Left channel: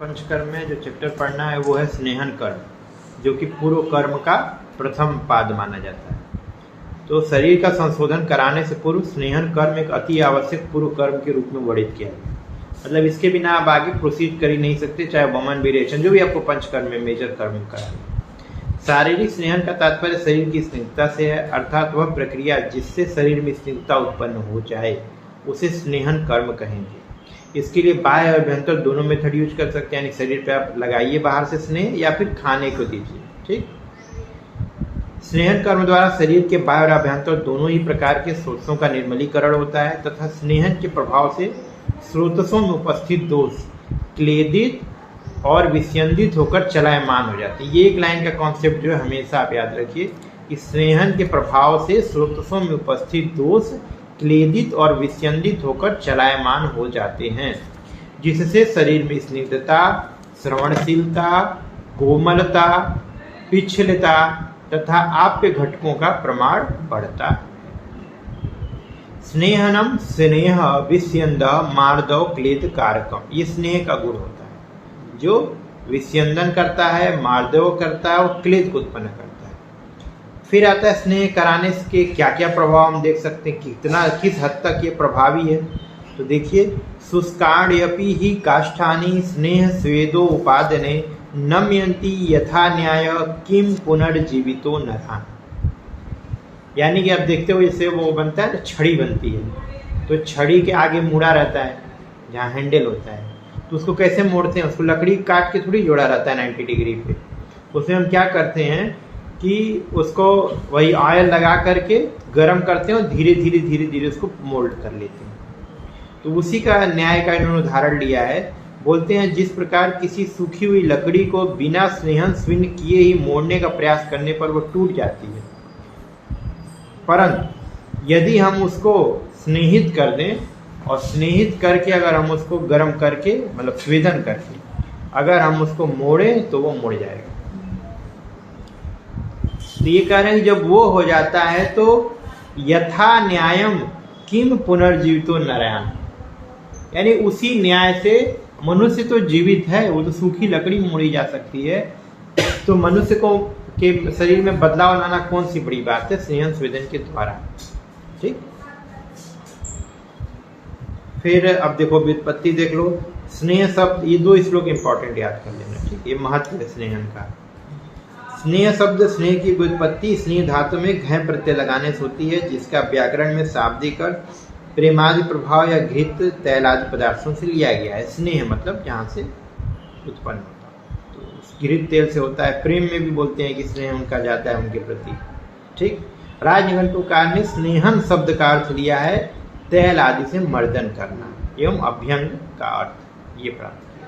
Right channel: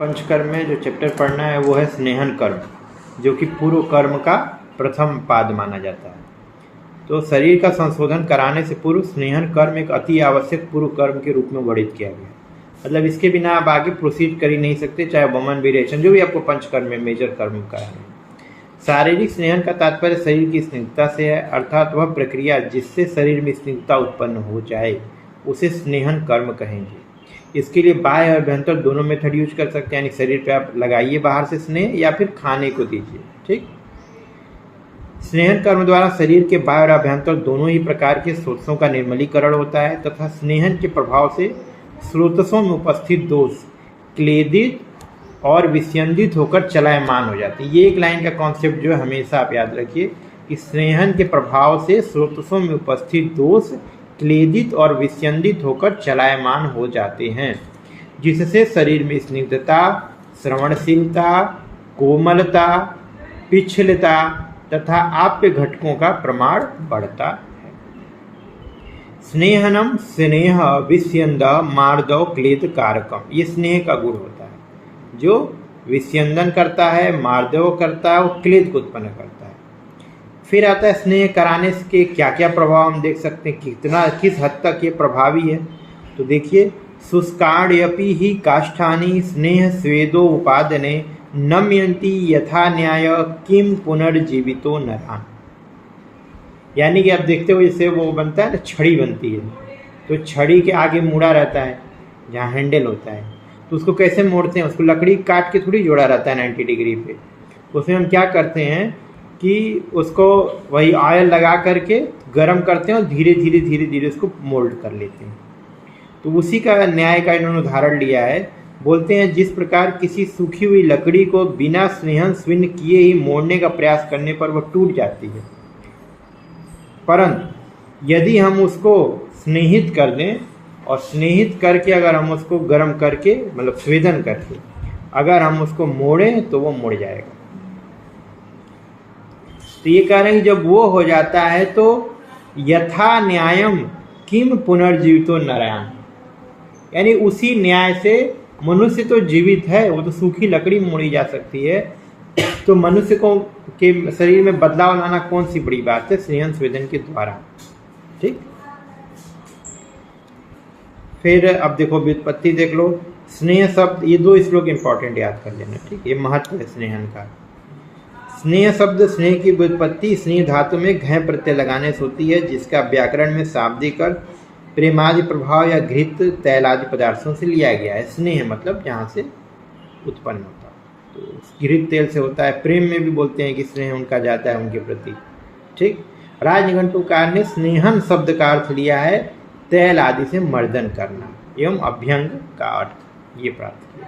पंचकर्म में जो चैप्टर पढ़ना है वो है स्नेहन कर्म, जो कि पूर्व कर्म का प्रथम पाद माना जाता है। तो शरीर का संशोधन कराने से पूर्व स्नेहन कर्म एक अति आवश्यक पूर्व कर्म के रूप में वर्णित किया गया। मतलब इसके बिना आप आगे प्रोसीड कर ही नहीं सकते, चाहे वमन विरेचन जो भी आपको पंचकर्म में मेजर कर्म का है। शारीरिक स्नेहन का तात्पर्य शरीर की स्निग्धता से है, अर्थात वह प्रक्रिया जिससे शरीर में स्निग्धता उत्पन्न हो जाए उसे स्नेहन कर्म कहेंगे। इसके लिए बाह्य और अभ्यंतर दोनों मेथड यूज कर सकते हैं, यानी शरीर पे आप लगाइए बाहर से स्नेह या फिर खाने को दीजिए। ठीक, स्नेहन कर्म द्वारा शरीर के बाह्य और अभ्यंतर दोनों ही प्रकार के स्रोतों का निर्मलीकरण होता है तथा स्नेहन के प्रभाव से स्रोतों में उपस्थित दोष क्लेदित और विस्यंदित होकर चलायमान हो जाते हैं। ये एक लाइन का कॉन्सेप्ट जो है हमेशा आप याद रखिए कि स्नेहन के प्रभाव से स्रोतों में उपस्थित दोष क्लेदित और विस्यंदित होकर चलायमान हो जाते हैं, जिससे शरीर में स्निग्धता, श्रवणशीलता, कोमलता, पिछलता तथा आप्य घटकों का प्रमाण बढ़ता है। स्नेहनम स्नेह विस्यंद मार्दव क्लेद कारकम, ये स्नेह का गुण होता है जो विस्यंदन करता है, मार्दव करता है और क्लेद को उत्पन्न करता है। फिर आता है स्नेह कराने के क्या क्या प्रभाव हम देख सकते हैं, किस हद तक ये प्रभावी है। तो देखिए, शुष्काण्यपि ही काष्ठानि स्नेह स्वेदो उपादने नम्यन्ति यथा न्याय किम पुनर्जीवितो नरान। यानी कि आप देखते हो जैसे वो बनता है ना, छड़ी बनती है, तो छड़ी के आगे मुड़ा रहता है जहाँ हैंडल होता है, तो उसको कैसे मोड़ते हैं, उसको लकड़ी काट के थोड़ी जोड़ा रहता है 90 डिग्री पे। उसमें हम क्या करते हैं कि उसको वही ऑयल लगा करके गर्म करते हैं और धीरे धीरे धीरे धीरे उसको मोल्ड कर लेते हैं। तो उसी का न्याय का इन्होंने उदाहरण लिया है। बोलते हैं जिस प्रकार किसी सूखी हुई लकड़ी को बिना स्नेहन स्विन किए ही मोड़ने का प्रयास करने पर वह टूट जाती है, परंतु यदि हम उसको स्नेहित कर दें और स्नेहित करके अगर हम उसको गर्म करके मतलब स्वेदन करके अगर हम उसको मोड़ें तो वो मुड़ जाएगा। तो ये कह रहे हैं जब वो हो जाता है तो यथा न्यायम किम पुनर्जीवितो नरायण, यानी उसी न्याय से मनुष्य तो जीवित है, वो तो सूखी लकड़ी मोड़ी जा सकती है, तो मनुष्य को के शरीर में बदलाव लाना कौन सी बड़ी बात है, स्नेहन स्वेदन के द्वारा। ठीक, फिर अब देखो व्युत्पत्ति देख लो। स्नेह शब्द, ये दो श्लोक इंपॉर्टेंट याद कर लेना। ठीक, ये महत्व है स्नेहन का। स्नेह शब्द, स्नेह की व्युत्पत्ति स्नेह धातु में घय प्रत्यय लगाने से होती है, जिसका व्याकरण में शाब्दिक अर्थ प्रेमादि प्रभाव या घृत तैल आदि पदार्थों से लिया गया है। स्नेह मतलब जहाँ से उत्पन्न होता है, तो घृत तेल से होता है। प्रेम में भी बोलते हैं कि स्नेह उनका जाता है उनके प्रति। ठीक, राजनिघंटुकार ने स्नेहन शब्द का अर्थ लिया है तैल आदि से मर्दन करना एवं अभ्यंग का अर्थ ये प्राप्त किया।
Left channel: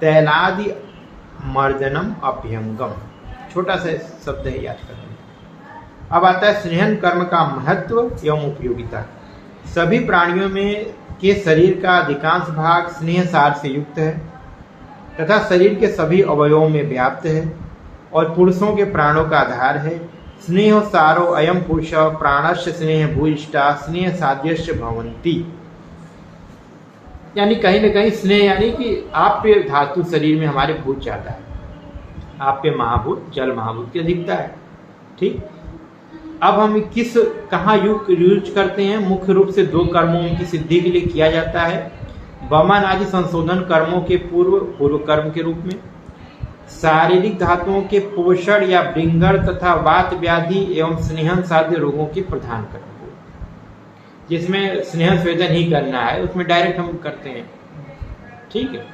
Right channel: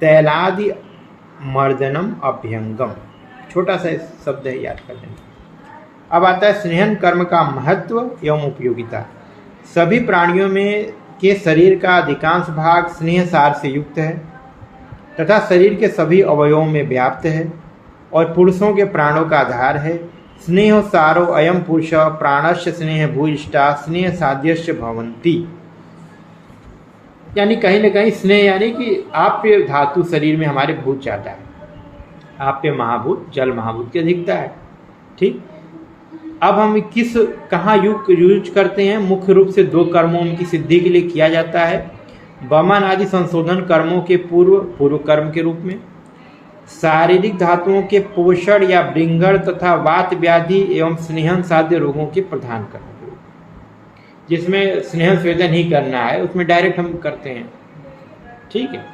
तैलादि मर्दनम अभ्यंगम, छोटा सा शब्द है, याद कर लेना। अब आता है स्नेहन कर्म का महत्व एवं उपयोगिता। सभी प्राणियों में के शरीर का अधिकांश भाग स्नेह सार से युक्त है तथा शरीर के सभी अवयवों में व्याप्त है और पुरुषों के प्राणों का आधार है। स्नेह सारो अयम पुरुष प्राणस्य स्नेह भूयिष्ठा स्नेह साध्यस्य भवन्ति, यानी कहीं न कहीं स्नेह यानी कि आप्य धातु शरीर में हमारे भूत जाता है। आप्य महाभूत जल महाभूत की अधिकता है। ठीक, अब हम कहाँ यूज करते हैं, मुख्य रूप से दो कर्मों की सिद्धि के लिए किया जाता है। वमन आदि संशोधन कर्मों के पूर्व कर्म के रूप में, शारीरिक धातुओं के पोषण या ब्रिंगर तथा वात व्याधि एवं स्नेहन साध्य रोगों के प्रधान कर्म, जिसमें स्नेहन स्वेदन ही करना है, उसमें डायरेक्ट हम करते हैं। ठीक है,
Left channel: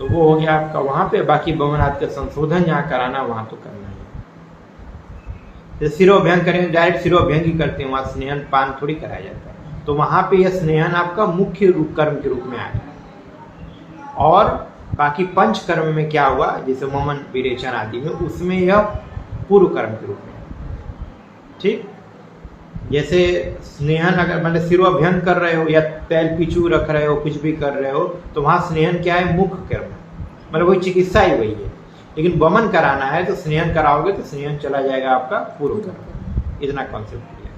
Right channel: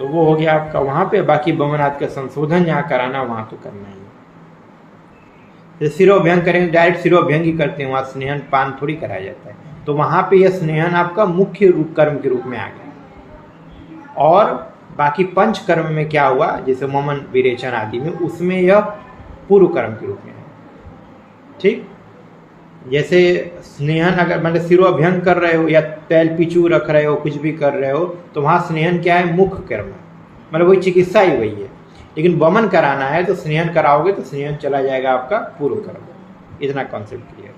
तो वो हो गया आपका वहाँ पे। बाकी वमन आदि का संशोधन जहाँ कराना वहाँ तो करना ही। सिरोभ्यंग करेंगे, डायरेक्ट सिरोभ्यंग ही करते हैं, वहाँ स्नेहन पान थोड़ी कराया जाता है, तो वहाँ पे यह स्नेहन आपका मुख्य रूप कर्म के रूप में आ गया। और बाकी पंच कर्म में क्या हुआ, जैसे वमन विरेचन आदि में, उसमें यह पूर्व कर्म के रूप में है। ठीक, जैसे स्नेहन अगर मतलब सिरोभ्यंग कर रहे हो या तैल पिचू रख रहे हो, कुछ भी कर रहे हो, तो वहाँ स्नेहन क्या है, मुख्य कर्म है, मतलब वही चिकित्सा ही वही है। लेकिन वमन कराना है तो स्नेहन कराओगे तो स्नेहन चला जाएगा आपका पूर्व कर्म। इतना कॉन्सेप्ट क्लियर।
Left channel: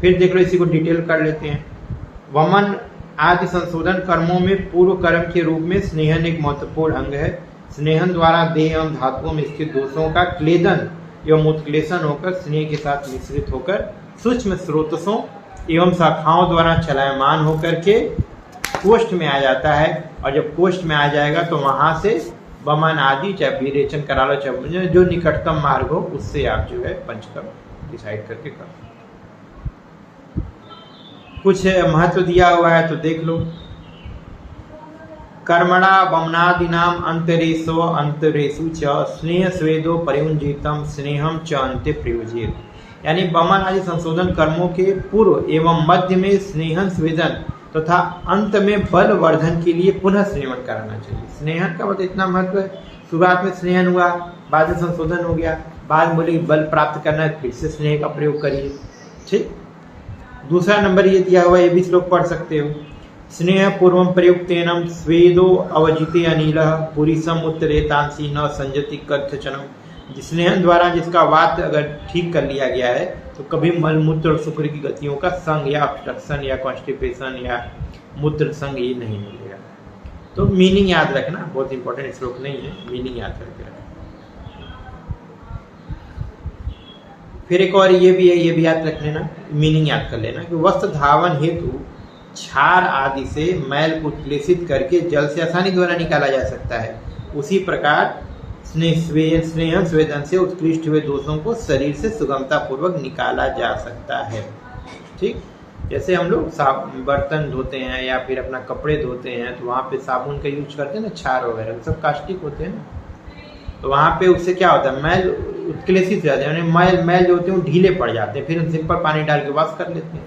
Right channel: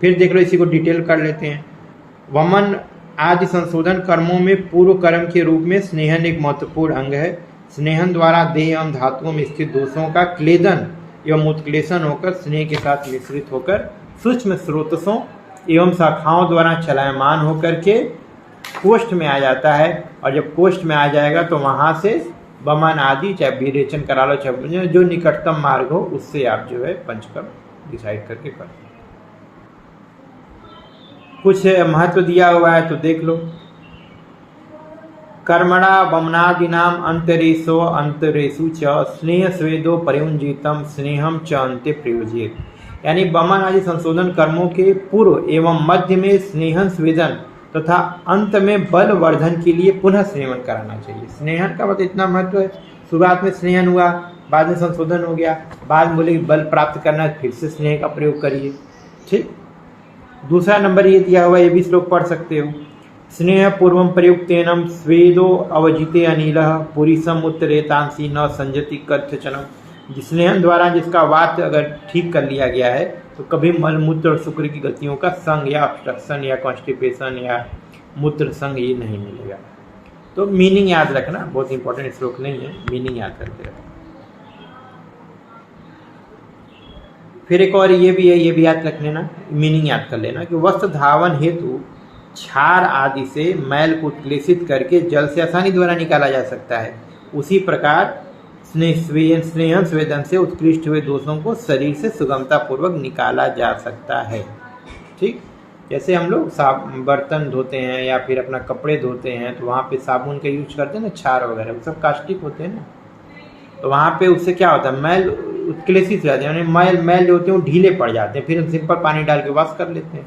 फिर देख लो, इसी को डिटेल कर लेते हैं। वमन आदि संशोधन कर्मों में पूर्व कर्म के रूप में स्नेहन एक महत्वपूर्ण अंग है। स्नेहन द्वारा देह एवं धातुओं में स्थित दोषों का क्लेदन एवं उत्क्लेशन होकर स्नेह के साथ मिश्रित होकर सूक्ष्म स्रोतसों एवं शाखाओं द्वारा चलायमान होकर के कोष्ठ में आ जाता है। और जब कोष्ठ में आ जाएगा तो वहां से बमन आदि, चाहे विरेचन करा लो, चाहे जो निकटतम मार्ग हो उससे आप जो है पंचकर्म डिसाइड करके कर। कुछ महत्व दिया हुआ है तो देख लो। कर्मणा बमनादिनाम अंतरेशो अंतरेशु च स्नेह स्वेदो परियुंजितम स्नेहम च अंत्य प्रयोजित। यानी बमन आदि संशोधन कर्मों के पूर्व एवं मध्य में स्नेहन स्वेदन तथा अंत में बल वर्धन के लिए पुनः स्नेहन कराना चाहिए। स्नेहन का मतलब इतना महत्व है। शुरुआत में स्नेहन हुआ, बाद में संशोधन हो गया, बाद में बोले बल प्राप्त करना है, फिर से स्नेह का प्रयोग करिए। ठीक। दूसरा नंबर ये दिया हुआ, ये भी श्लोक पढ़ सकते हो। स्नेह पूर्वम प्रयुक्तेनम स्वेदो अवजिते अनिल पुरीसम उत्तरेतांसी न संजति कथचनम। स्नेहन द्वारा जिसका वात अगर ठीक कर लिया गया है तो कभी मलमूत्र और शुक्र की गतियों का संग या ऑब्स्ट्रक्शन या कॉन्स्टिपेशन या मूत्र संग ये नहीं मिलेगा। तो मीनिंग याद रखना, बहुत इंपॉर्टेंट श्लोक नहीं है, मीनिंग याद रखते रहो। फिर एक और ये भी है, ये भी याद रख लेना, मीनिंग याद कर लेना कि वस्त्र धावन हेतु क्षार आदि से मैल को उत्क्लेशित करके जल से आसानी द्वारा निकाला जा सकता है। उसी प्रकार स्नेहन स्वेदन से उत्कृष्ट हुए दोषों को शरीर से सुगमता पूर्वक निकाला जा सकता है। ठीक। जैसे हम लोग बर्तन धोते हैं या फिर अपना कपड़े धोते हैं तो वहाँ पे साबुन का यूज करते हैं ना, क्षार वगैरह सब कास्टिक होते हैं ना, तो वहाँ पे उससे क्या होता है, मैल उत्क्लेशित रहते हैं, यानी मैल जो होते हैं वो ढीले पड़ जाते हैं, फिर हम सिंपल पानी डाल के वॉश कर लेते हैं।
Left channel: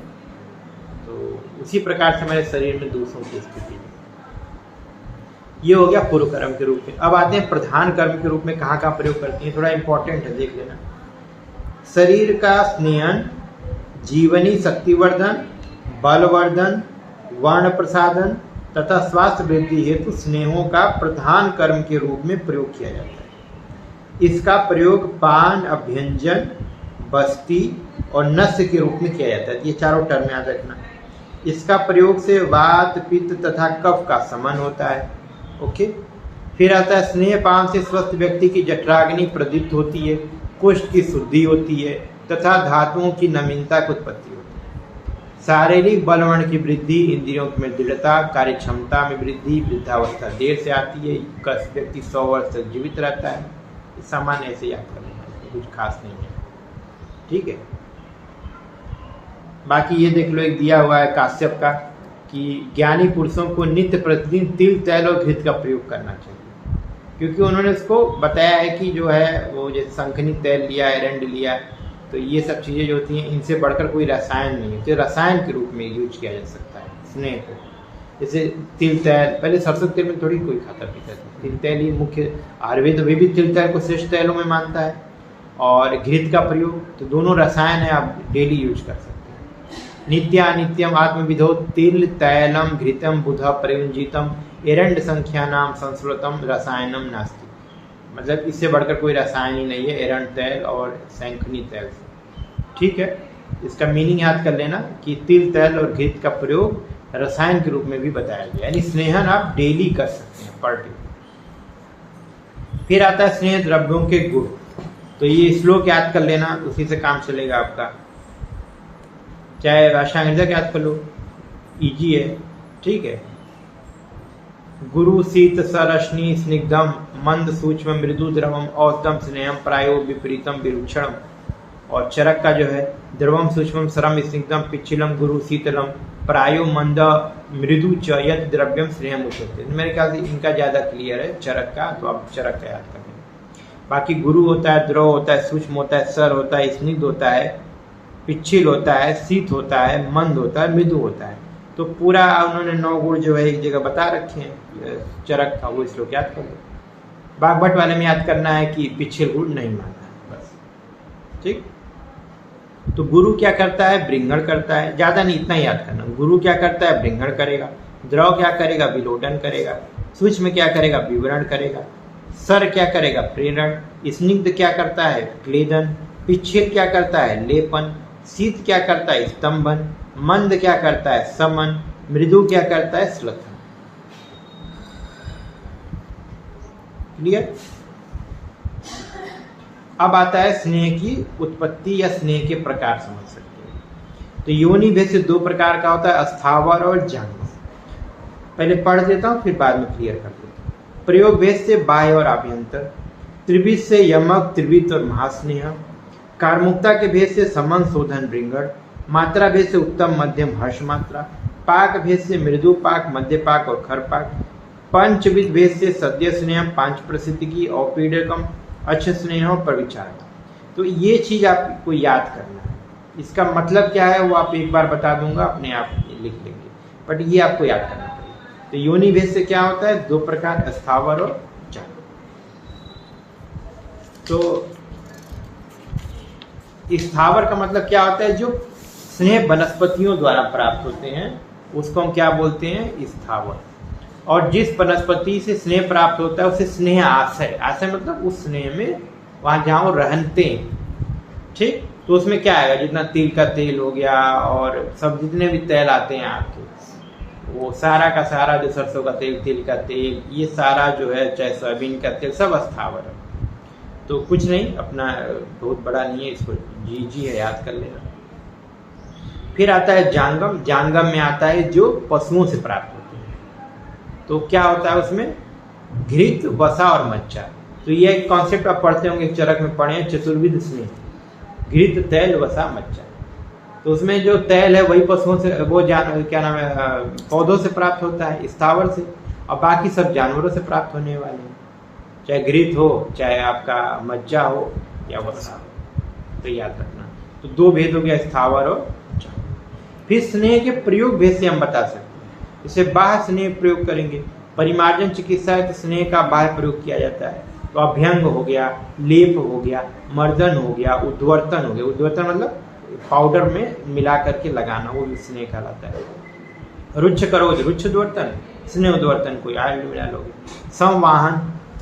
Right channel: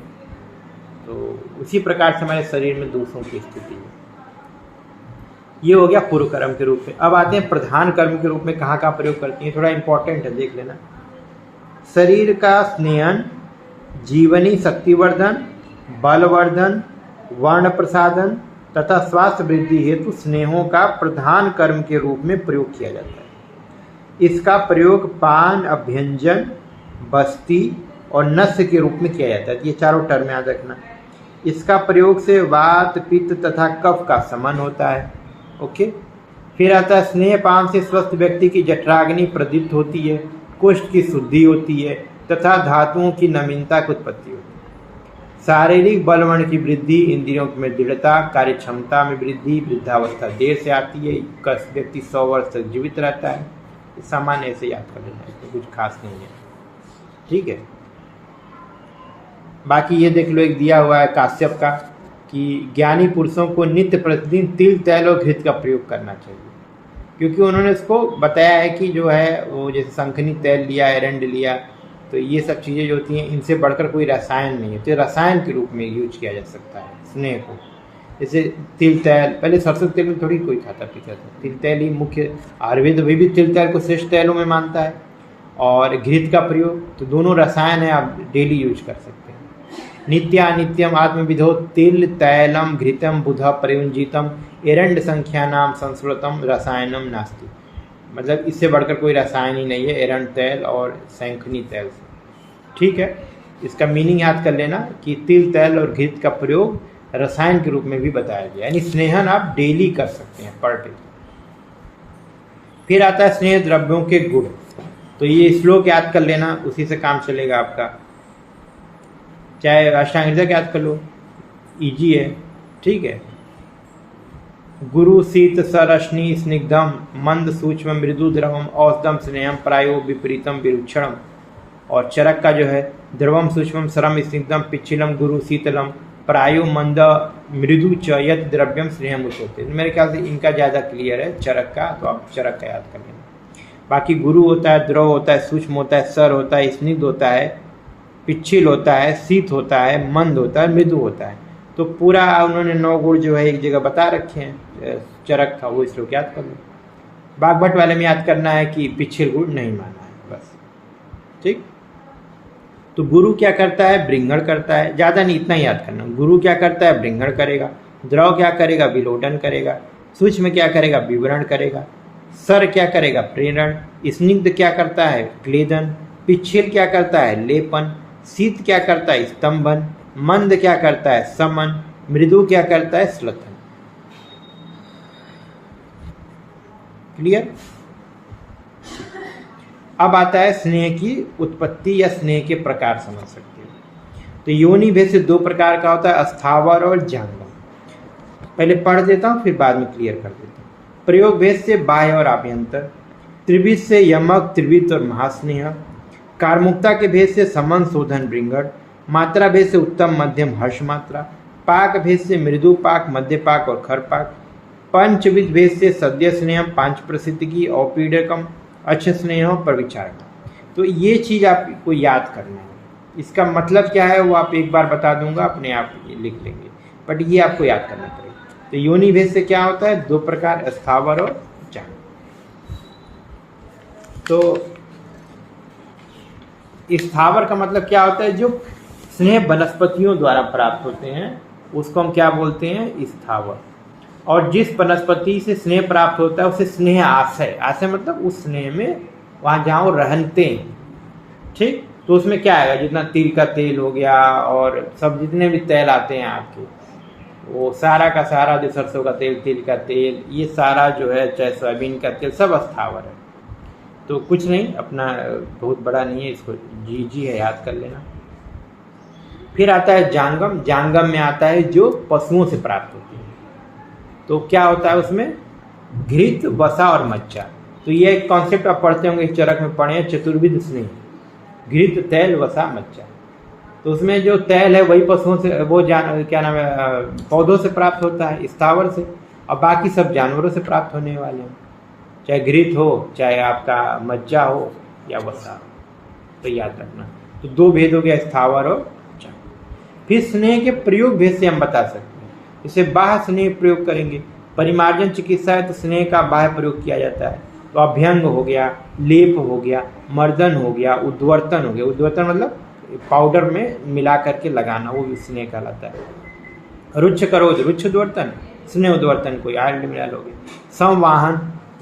तो उसी प्रकार से हमारे शरीर में दोषों की स्थिति है। ये हो गया पूर्व कर्म के रूप में। अब आते हैं प्रधान कर्म के रूप में कहाँ कहाँ प्रयोग करती हैं, थोड़ा इंपॉर्टेंट है, देख लेना। शरीर का स्नेहन, जीवनी शक्तिवर्धन, बलवर्धन, वर्ण प्रसाधन तथा स्वास्थ्य वृद्धि हेतु स्नेहों का प्रधान कर्म के रूप में प्रयोग किया जाता है। इसका प्रयोग पान, अभ्यंजन, बस्ती और नस्य के रूप में किया जाता है। ये चारों टर्म याद रखना। इसका प्रयोग से वात, पित्त तथा कफ का शमन होता है। ओके। फिर आता है स्नेह पान से स्वस्थ व्यक्ति की जठराग्नि प्रदीप्त होती है, कोष्ठ की शुद्धि होती है तथा धातुओं की नवीनता की उत्पत्ति होती है। शारीरिक बलवर्ण की वृद्धि, इंद्रियों में दृढ़ता, कार्य क्षमता में वृद्धि, वृद्धावस्था देर से आती है, व्यक्ति 100 वर्ष तक जीवित रहता है। सामान्य ऐसे याद कर लेना है, कुछ खास नहीं है। ठीक है। बाकी ये देख लो, एक दिया हुआ है काश्यप का कि ज्ञानी पुरुषों को नित्य प्रतिदिन तिल, तैल और घृत का प्रयोग करना चाहिए, क्योंकि उन्होंने इसको बताया है कि जो है वो जैसे शंखनी तेल लिया, एरंड लिया, तो ये सब चीज़ें जो होती हैं इनसे बढ़कर कोई रसायन नहीं है, तो रसायन के रूप में यूज किया जा सकता है स्नेह को। जैसे तिल तेल, पहले सरसों तेल में थोड़ी कोई खाता पीता था, तिल तेल ही मुख्य, आयुर्वेद अभी भी तिल तेल को श्रेष्ठ तेलों में मानता है। और घृत का प्रयोग, तो दोनों रसायन है, आप डेली यूज कर सकते हैं। नित्यानित्यम आत्मविधो तिल तैलम घृतम बुध प्रयुंजितम एरंड संख्यानाम संस्कृतम रसायनम नास्ति। मतलब इससे बढ़कर कोई रसायन ही नहीं है एरंड तेल और शंखनी तेल से। ठीक है। इसका मीनिंग याद कर लेना कि तिल तेल और घृत का प्रयोग रसायन के रूप में भी बताया गया, यानी स्नेहन आप डेली कर सकते हैं, पर डे। फिर आता है स्नेह द्रव्यों के गुण, तो ये श्लोक याद कर लेना, उसी से काम चलेगा आपका। चाहे अष्टांग याद कर लो, इजी है। ठीक है। गुरु शीत सरश्नि स्निग्धम मंद सूक्ष्म मृदु द्रवम औषधम स्नेहम प्रायो विपरीतम विरुक्षणम। और चरक का जो है द्रवम सूक्ष्म सरम स्निग्धम पिच्छिलम गुरु शीतलम प्रायो मंद मृदु च यद द्रव्यम स्नेहम उच्यते। मेरे ख्याल से इनका ज़्यादा क्लियर है चरक का, तो आप चरक का याद कर लेना। बाकी गुरु होता है, द्रव होता है, सूक्ष्म होता है, सर होता है, स्निग्ध होता है, पिच्छिल होता है, शीत होता है, मंद होता है, मृदु होता है। तो पूरा उन्होंने 9 गुण जो है एक जगह बता रखे हैं चरक का, वो श्लोक याद कर लो। बागभट वाले में याद करना है कि पिच्छिल गुण नहीं मानना है बस। ठीक। तो गुरु क्या करता है, ब्रिंगण करता है, ज़्यादा नहीं, इतना ही याद करना। गुरु क्या करता है, ब्रिंगण करेगा। द्रव क्या करेगा, विलोडन करेगा। सूक्ष्म क्या करेगा, विवरण करेगा। सर क्या करेगा, प्रेरण। स्निग्ध क्या करता है, क्लेदन। पिच्छिल क्या करता है, लेपन। शीत क्या करता है, स्तंभन। मंद क्या करता है, समन। मृदु क्या करता है? श्लथन। क्लियर? अब आता है स्नेह की उत्पत्ति या स्नेह के प्रकार समझ सकते हो। तो योनि भेद से दो प्रकार का होता है, स्थावर और जांगम। पहले पढ़ देता हूं, फिर बाद में क्लियर कर देता हूं। प्रयोग भेद से बाह्य और आभ्यंतर, त्रिविध से यमक, त्रिविध और महास्नेह, कारमुक्ता के भेद से समन, शोधन, बृंगड़, मात्रा भेद से उत्तम, मध्यम, हर्ष मात्रा, पाक भेद से मृदु पाक, मध्य पाक और खर पाक, पंचविध भेद से सद्य स्नेह, पांच प्रसिद्ध की, औपीडकम, अच्छे स्नेहों पर विचार। तो ये चीज आपको याद करना है। इसका मतलब क्या है वो आप एक बार बता दूंगा, अपने आप लिख लेंगे, बट ये आपको याद करना पड़ेगा। तो योनि भेद से क्या होता है? दो प्रकार, स्थावर और जांगम। तो स्थावर का मतलब क्या होता है? जो स्नेह वनस्पतियों द्वारा प्राप्त होते हैं उसको हम क्या बोलते हैं? स्थावर। और जिस वनस्पति से स्नेह प्राप्त होता है उसे स्नेह आशय, आशय मतलब उस स्नेह में वहां जहां वो रहते हैं, ठीक। तो उसमें क्या आएगा? जितना तिल का तेल हो गया और सब जितने भी तेल आते हैं आपके, वो सारा का सारा, जो सरसों का तेल, तिल का तेल, ये सारा जो है, चाहे सोयाबीन का तेल, सब स्थावर है। तो कुछ नहीं, अपना बहुत बड़ा नहीं है, इसको जी है, याद कर लेना। फिर आता है जांगम। जांगम में आता है जो पशुओं से प्राप्त होते हैं। तो क्या होता है उसमें? घृत, वसा और मज्जा। तो ये एक कॉन्सेप्ट आप पढ़ते होंगे, चरक में पढ़े, चतुर्विध स्नेह, घृत, तैल, वसा, मज्जा। तो उसमें जो तैल है वही पशुओं से, वो क्या नाम है, पौधों से प्राप्त होता है, स्थावर से, और बाकी सब जानवरों से प्राप्त होने वाले हैं, चाहे घृत हो, चाहे आपका मज्जा हो या वसा हो। तो याद रखना। तो दो भेद हो गया, स्थावर और जांगम। फिर स्नेह के प्रयोग भेद से हम बता सकते हैं। इसे बाह्य स्नेह प्रयोग करेंगे। परिमार्जन चिकित्सा है तो स्नेह का बाह्य प्रयोग किया जाता है। तो अभ्यंग हो गया, लेप हो गया, मर्दन हो गया, उद्वर्तन हो गया। उद्वर्तन मतलब पाउडर में मिला करके लगाना, वो भी स्नेह कहलाता है। रुच्छ करोज, रुच्छ उद्वर्तन, स्नेह उद्वर्तन को आयरन मिला लोगे। संवाहन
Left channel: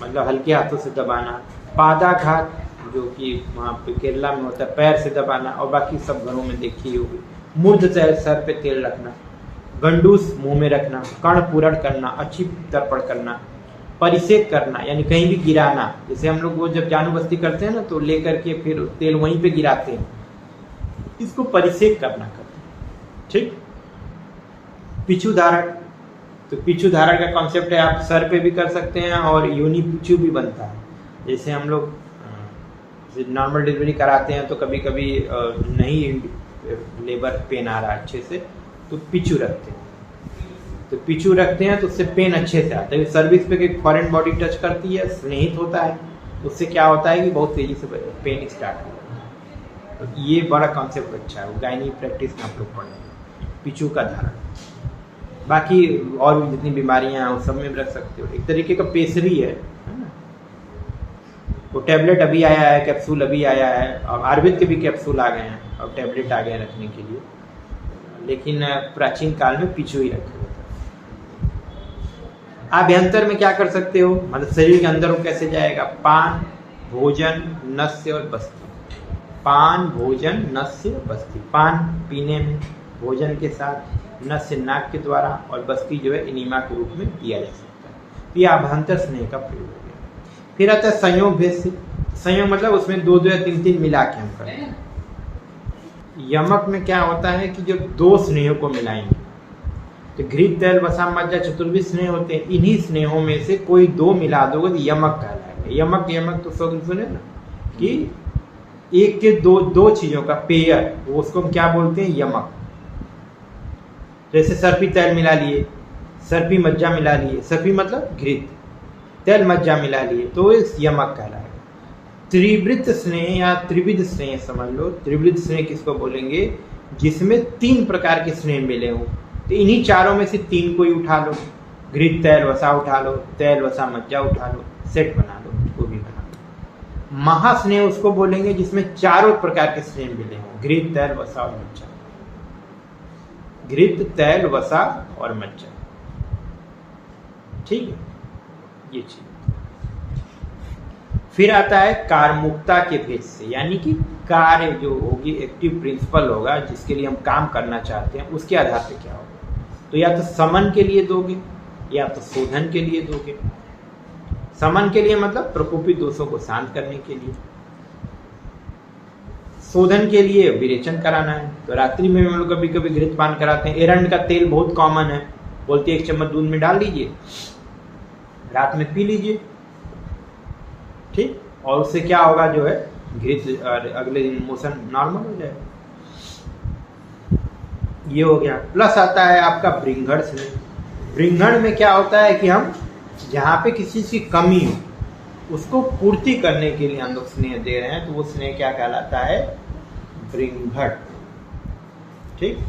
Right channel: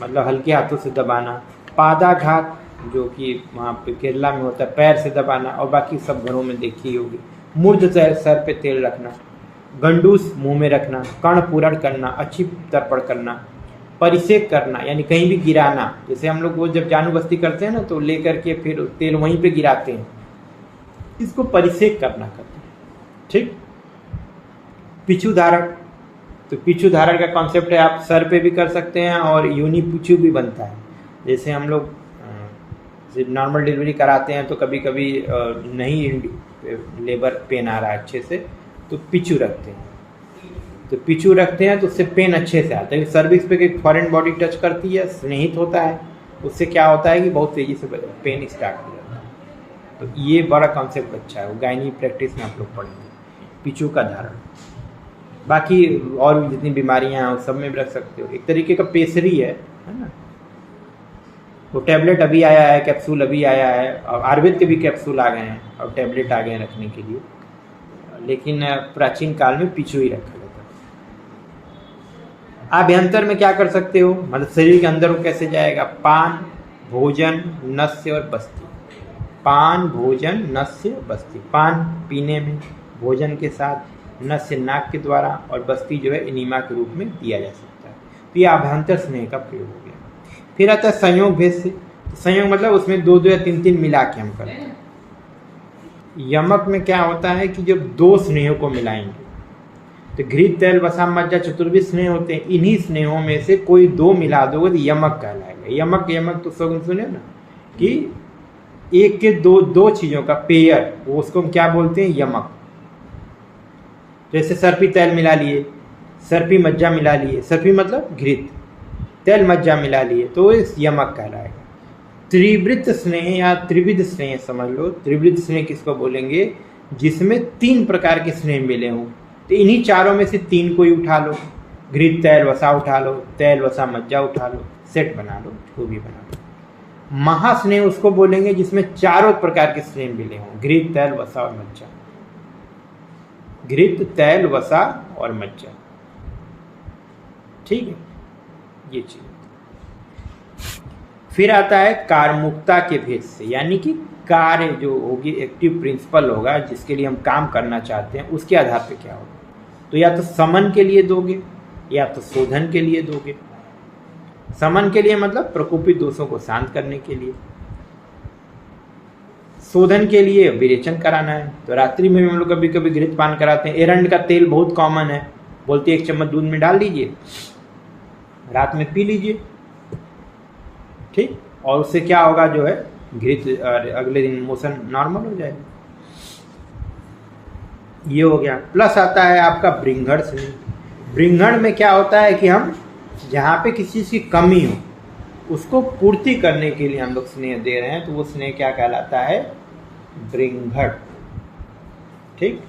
मतलब हल्के हाथों से दबाना। पादाघात जो कि वहाँ पे केरला में होता है, पैर से दबाना, और बाकी सब घरों में देखी होगी। मूर्ध सर पे तेल रखना। गंडूस मुंह में रखना। कर्ण पूरण करना, अच्छी तर्पण करना। परिसेक करना यानी कहीं भी गिराना, जैसे हम लोग वो जब जानू बस्ती करते हैं ना तो लेकर के फिर तेल वहीं पे गिराते हैं, इसको परिसेक करना कहते हैं, ठीक। पिछू धारण, तो पिछू धारण का कॉन्सेप्ट है, आप सर पे भी कर सकते हैं और यूनि पिछू भी बनता है। जैसे हम लोग नॉर्मल डिलीवरी कराते हैं तो कभी कभी नहीं लेबर पेन आ रहा है अच्छे से, तो पिछू रखते हैं। तो पिछू रखते हैं तो उससे पेन अच्छे से आता है। सर्विक्स पे फॉरेन बॉडी टच करती है, स्नेहित होता है, उससे क्या होता है कि बहुत तेजी से पेन स्टार्ट हो जाता है। तो ये बड़ा कॉन्सेप्ट अच्छा है, वो गायनी प्रैक्टिस में आप लोग पढ़ेंगे, पिछू का धारण। बाकी और भी जितनी बीमारियां हैं वो सब में भी रख सकते हो, एक तरीके का पेसरी है ना। वो टैबलेट अभी आया है, कैप्सूल अभी आया है, और आयुर्वेद के भी कैप्सूल आ गए हैं और टैबलेट आ गए हैं रखने के लिए, लेकिन प्राचीन काल में पिछू ही रखे होते। आभ्यंतर में क्या कर सकते हो, मतलब शरीर के अंदर वो कैसे जाएगा? पान, भोजन, नस्य और बस्ती। पान, भोजन, नस्य, बस्ती। पान पीने में, भोजन के साथ, नस्य नाक के द्वारा, और बस्ती जो है इनिमा के रूप में दिया जा सकता है। तो ये आभ्यंतर स्नेह का प्रयोग हो गया। फिर आता है संयोग भेद से। संयोग मतलब उसमें दो या तीन मिला के हम करते हैं। यमक में क्या होता है कि जब दो स्नेह को मिलाएंगे, तो घृत, तैल, वसा, मज्जा चतुर्विध स्नेह होते हैं, इन्हीं स्नेहों में से कोई दो मिला दोगे तो यमक कहलाएगा। यमक, यमक तो सुने ना कि एक के दो चीजों का पेयर, वो उसको हम क्या बोलते हैं? यमक। जैसे सर्पी तैल मिला लिए, सर्पी मज्जा मिला लिए, सर्पी मतलब घृत, तैल मज्जा मिला लिए, तो इस यमक कहलाएगा। त्रिवृत्त स्नेह या त्रिविध स्नेह समझ लो। त्रिवृत्त स्नेह किसको बोलेंगे? जिसमें तीन प्रकार के स्नेह मिले हों। तो इन्हीं चारों में से तीन को ही उठा लो, घृत, तैल, वसा उठा लो, तैल, वसा, मज्जा उठा लो, सेट बना लो, वो भी बना लो। महास्नेह उसको बोलेंगे जिसमें चारों प्रकार के स्नेह मिले हों, घृत, तैल, वसा और मज्जा। घृत, तैल, वसा और मज्जा, ठीक है, ये चीज। फिर आता है कारमुक्ता के भेद से, यानी कि कार्य जो होगी, एक्टिव प्रिंसिपल होगा जिसके लिए हम काम करना चाहते हैं, उसके आधार पे क्या होगा। तो या तो समन के लिए दोगे या तो शोधन के लिए दोगे। समन के लिए मतलब प्रकोपित दोषों को शांत करने के लिए, शोधन के लिए विरेचन कराना है। तो रात्रि में हम लोग कभी कभी घृत पान कराते हैं। एरंड का तेल बहुत कॉमन है, बोलते हैं 1 चम्मच दूध में डाल दीजिए, रात में पी लीजिए, ठीक, और उससे क्या होगा जो है घृत अगले दिन मोशन नॉर्मल हो जाएगा। ये हो गया। प्लस आता है आपका ब्रिंघण स्नेह। ब्रिंघण में क्या होता है कि हम जहाँ पे किसी चीज की कमी हो उसको पूर्ति करने के लिए हम लोग स्नेह दे रहे हैं, तो वो स्नेह क्या कहलाता है? ब्रिंघण। ठीक,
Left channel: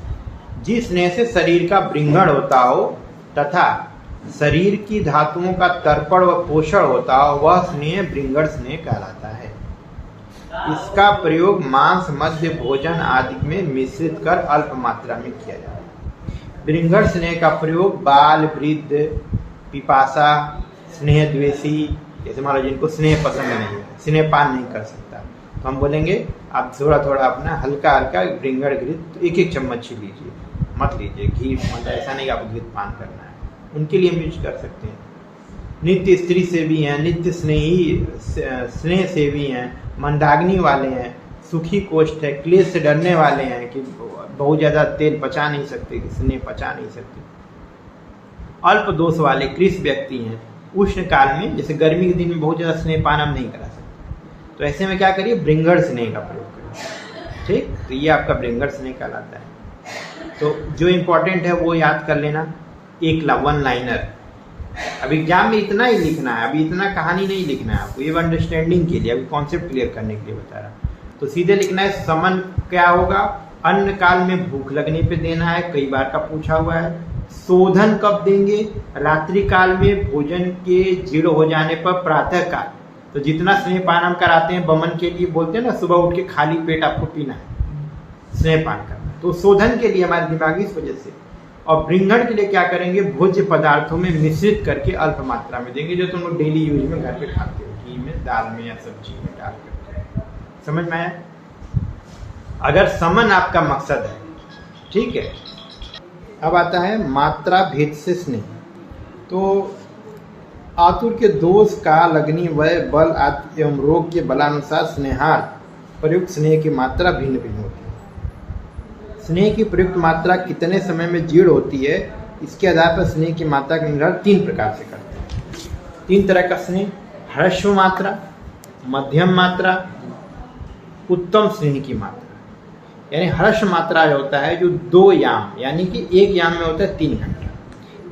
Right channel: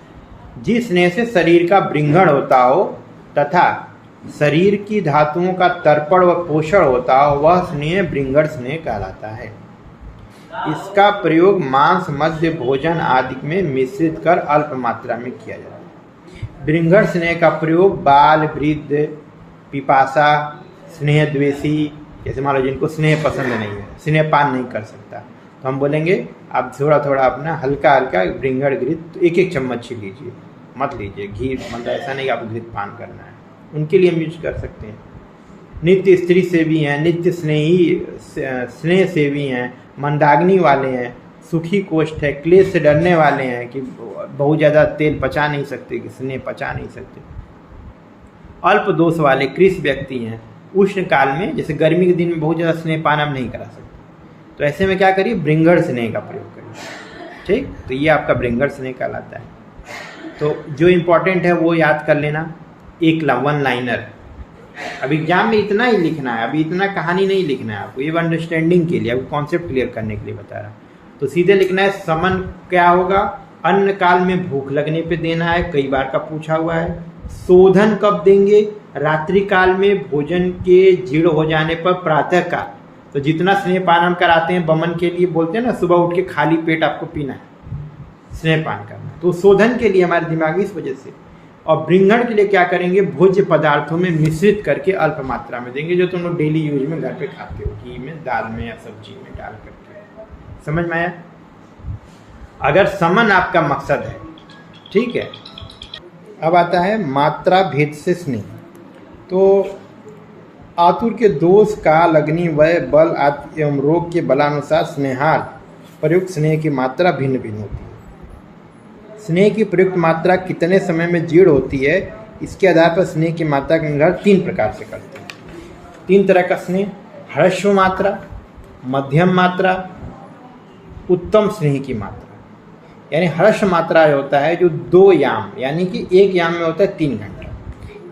जिस स्नेह से शरीर का ब्रिंघण होता हो तथा शरीर की धातुओं का तर्पण व पोषण होता हो, वह स्नेह ब्रिंघण स्नेह कहलाता है। इसका प्रयोग मांस, मध्य, भोजन आदि में मिश्रित कर अल्प मात्रा में किया जाता है। ब्रिंघण स्नेह का प्रयोग बाल, वृद्ध, पिपासा, स्नेह द्वेषी, जैसे मान लो जिनको स्नेह पसंद नहीं है, स्नेह पान नहीं कर सकता, तो हम बोलेंगे आप थोड़ा थोड़ा अपना हल्का हल्का ब्रिंघण घृत 1-1 चम्मच ही लीजिए, मत लीजिए घी, मतलब ऐसा नहीं आपको घृत पान करना है। उनके लिए हम यूज कर सकते हैं। नित्य स्त्री सेवी हैं, नित्य स्नेह सेवी हैं, मंदाग्नि वाले हैं, सुखी कोष्ठ है, क्लेश से डरने वाले हैं कि बहुत ज़्यादा तेल पचा नहीं सकते, कि स्नेह पचा नहीं सकते, अल्प दोष वाले कृष व्यक्ति हैं। उष्ण काल में, जैसे गर्मी के दिन में बहुत ज़्यादा स्नेह पान हम नहीं करा सकते, तो ऐसे में क्या करिए? ब्रिंघण स्नेह का प्रयोग करिए। ठीक, तो ये आपका ब्रिंघण स्नेह कहलाता है। तो जो इम्पोर्टेंट है वो याद कर लेना, एक 1 लाइनर। अब एग्जाम में इतना ही लिखना है, अभी इतना कहानी नहीं लिखना है आपको, ये अंडरस्टैंडिंग के लिए, अभी कॉन्सेप्ट क्लियर करने के लिए बता रहा हूँ। तो सीधे लिखना है समन क्या होगा? अन्न काल में भूख लगने पे देना है, कई बार का पूछा हुआ है। शोधन कब देंगे? रात्रि काल में भोजन के जीर्ण हो जाने पर प्रातः काल। तो जितना स्नेह पान हम कराते हैं बमन के लिए, बोलते हैं ना सुबह उठ के खाली पेट आपको पीना है, स्नेह पान करना है, तो शोधन के लिए हमारे दिमाग इस वजह से। और ब्रिंघण के लिए क्या करेंगे? भोज्य पदार्थों में मिश्रित करके अल्प मात्रा में देंगे, जो तुम लोग डेली यूज में घर पे खाते हो, घी में, दाल में या सब्जी में डाल करके। समझ में आया? अगर समन आपका मकसद है, ठीक है। अब आता है मात्रा भेद से स्नेह। तो आतुर के दोष का लगनी वय बल आदि एवं रोग के बलानुसार स्नेहार्थ प्रयुक्त स्नेह की मात्रा भिन्न भिन्न होती है। स्नेह की प्रयुक्त मात्रा कितने समय में जीर्ण होती है, इसके आधार पर स्नेह की मात्रा का निर्धारण 3 प्रकार से करते हैं। 3 तरह का स्नेह: ह्रस्व मात्रा, मध्यम मात्रा, उत्तम स्नेह की मात्रा। यानी ह्रस्व मात्रा होता है जो 2 याम, यानी कि 1 याम में होता है 3 घंटा,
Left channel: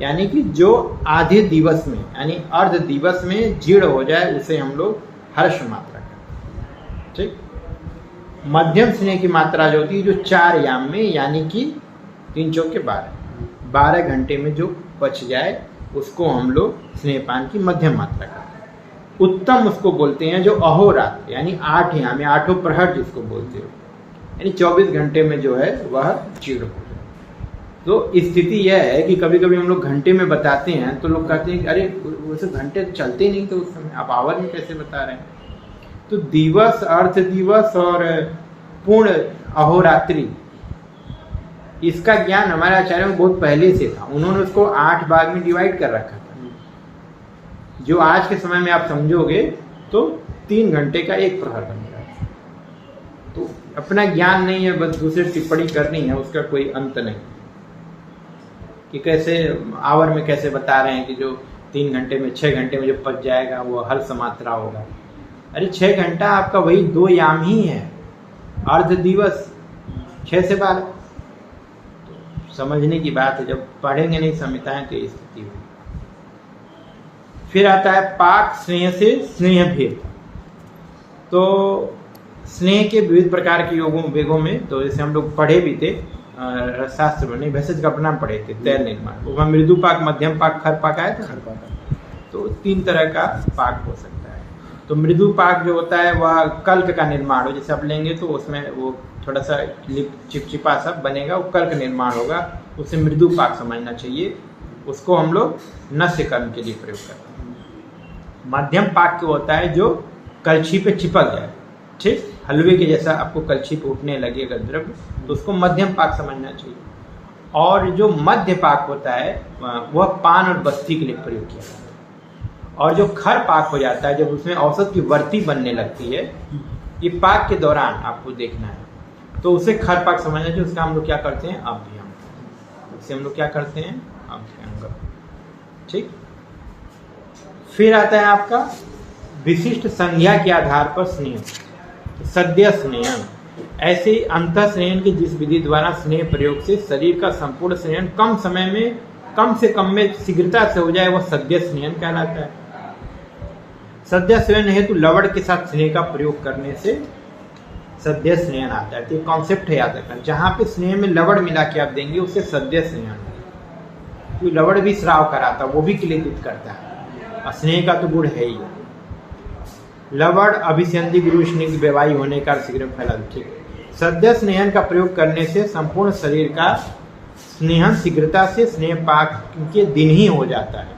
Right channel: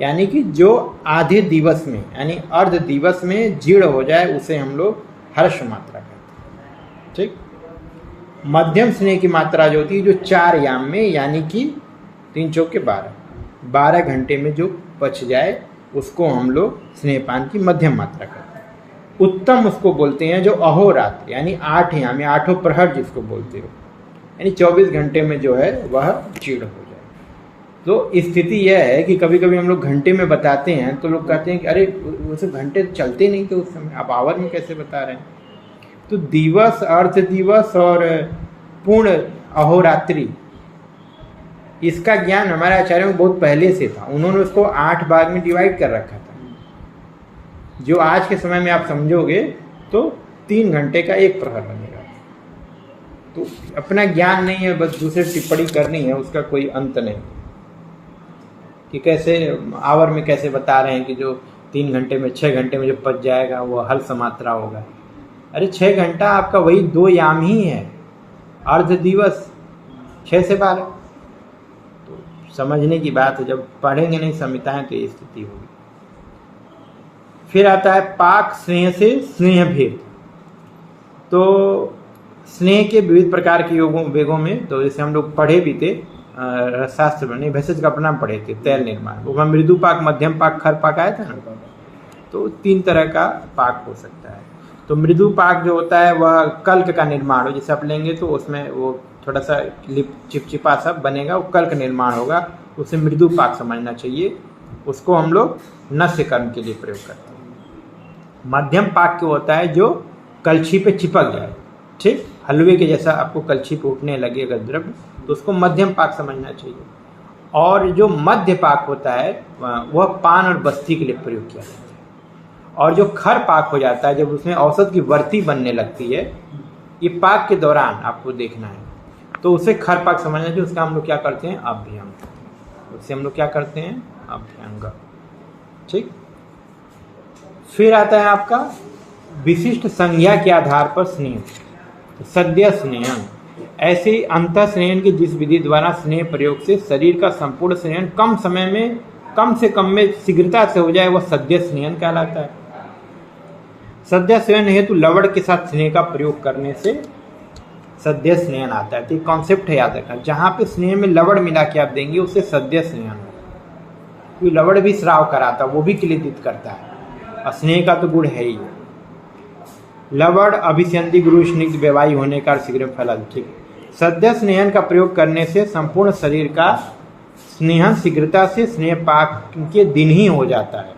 यानी कि जो आधे दिवस में, यानी अर्ध दिवस में जीर्ण हो जाए, उसे हम लोग ह्रस्व मात्रा कहते हैं। ठीक। मध्यम स्नेह की मात्रा जो होती है जो 4 याम में, यानी कि 3 चौके 12 घंटे में जो पच जाए, उसको हम लोग स्नेहपान की मध्यम मात्रा कहते हैं। उत्तम उसको बोलते हैं जो अहोरात्र, यानी 8 याम में, 8 प्रहर जिसको बोलते हो, यानी 24 घंटे में जो है वह जीर्ण हो जाए। तो स्थिति यह है कि कभी कभी हम लोग घंटे में बताते हैं तो लोग कहते हैं कि अरे वो सब घंटे चलते नहीं, तो उस समय आप आवर में कैसे बता रहे हैं? तो दिवस, अर्ध दिवस और पूर्ण अहोरात्रि, इसका ज्ञान हमारे आचार्यों में बहुत पहले से था। उन्होंने उसको 8 भाग में डिवाइड कर रखा था। जो आज के समय में आप समझोगे तो 3 घंटे का 1 प्रहर बनेगा। तो अपना ज्ञान नहीं है, बस दूसरे टिप्पणी करनी है, उसका कोई अंत नहीं कि कैसे आवर में कैसे बता रहे हैं कि जो 3 घंटे में, 6 घंटे में जो पच जाएगा वो हल समात्रा होगा। अरे 6 घंटा आपका वही 2 याम ही है, अर्ध दिवस 6 से 12। तो समझने की बात है, जब पढ़ेंगे नहीं संहिताएं तो ये स्थिति होगी। फिर आता है पाक स्नेह से स्नेह भेद। तो स्नेह के विविध प्रकार के वेगों में, तो जैसे हम लोग पढ़े भी थे शास्त्र में, नहीं भेषज का प्रणाम पढ़े थे, तैल निर्माण, वो मृदु पाक, मध्यम पाक, खर पाक आया था ना। तो 3 तरह का पाक हो सकता है। तो मृदु पाक जो होता है वह कल्क का निर्माण हो, जैसे आप लेंगे तो उसमें वो थोड़ा सा चिपचिपा सा बनेगा, वो कल्क निर्माण होगा, उसे मृदु पाक समझना चाहिए। उसको हम लोग नस्य कर्म के लिए प्रयोग करते हैं। मध्यम पाक जो होता है जो कलछी पे चिपक जाए, ठीक, हलवे के जैसा आपको कलछी पे उठने लगे अगर द्रव्य, तो उसको मध्यम पाक समझना चाहिए। और जो मध्य पाक होता है वह पान और बस्ती के लिए प्रयोग किया जाता है। और जो खर पाक हो जाता है, जब उसमें औसत की वर्ती बनने लगती है, ये पाक के दौरान आपको देखना है, तो उसे खर पाक समझना चाहिए। उसका हम लोग क्या करते हैं, अभ्यंग। उससे हम लोग क्या करते हैं, अभ्यंग। ठीक। फिर आता है आपका विशिष्ट संज्ञा के आधार पर स्नेह, सद्य स्नेहन। ऐसे अंतः स्नेहन की जिस विधि द्वारा स्नेह प्रयोग से शरीर का संपूर्ण स्नेहन कम समय में, कम से कम में शीघ्रता से हो जाए, वह सद्य स्नेहन कहलाता है। सद्य स्नेहन हेतु लवण के साथ स्नेह का प्रयोग करने से सद्य स्नेहन आता है। तो कॉन्सेप्ट है याद रखना, जहां पे स्नेह में लवण मिला के आप देंगे उससे सद्य स्नेहन होगा। क्योंकि लवण भी श्राव कराता, वो भी क्लेदित करता है, और स्नेह का तो गुण है ही। लवण अभिसंधि गुरु स्निग्ध व्यवाही होने का शीघ्र फल। ठीक। सद्य स्नेहन का प्रयोग करने से संपूर्ण शरीर का स्नेहन शीघ्रता से स्नेह पाक के दिन ही हो जाता है,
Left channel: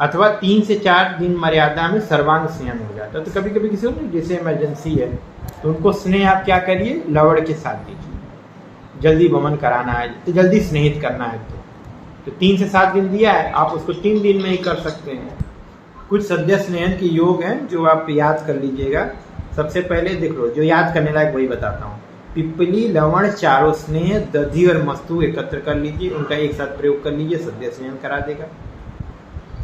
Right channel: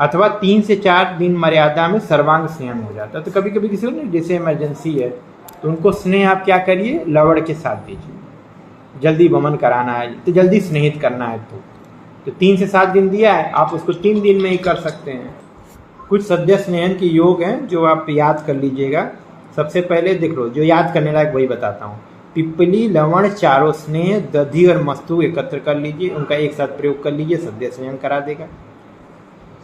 अथवा 3 से 4 दिन मर्यादा में सर्वांग स्नेहन हो जाता है। तो कभी कभी किसी को नहीं, जैसे इमरजेंसी है, तो उनको स्नेह आप क्या करिए, लवण के साथ दीजिए। जल्दी वमन कराना है तो जल्दी स्नेहित करना है तो 3 से 7 दिन दिया है, आप उसको 3 दिन में ही कर सकते हैं। कुछ सद्य स्नेहन के योग हैं जो आप याद कर लीजिएगा। सबसे पहले देख लो, जो याद करने लायक वही बताता हूँ। पिपली, लवण, चारों स्नेह, दधी और मस्तूक एकत्र कर लीजिए, उनका एक साथ प्रयोग कर लीजिए, सद्य स्नेहन करा देगा।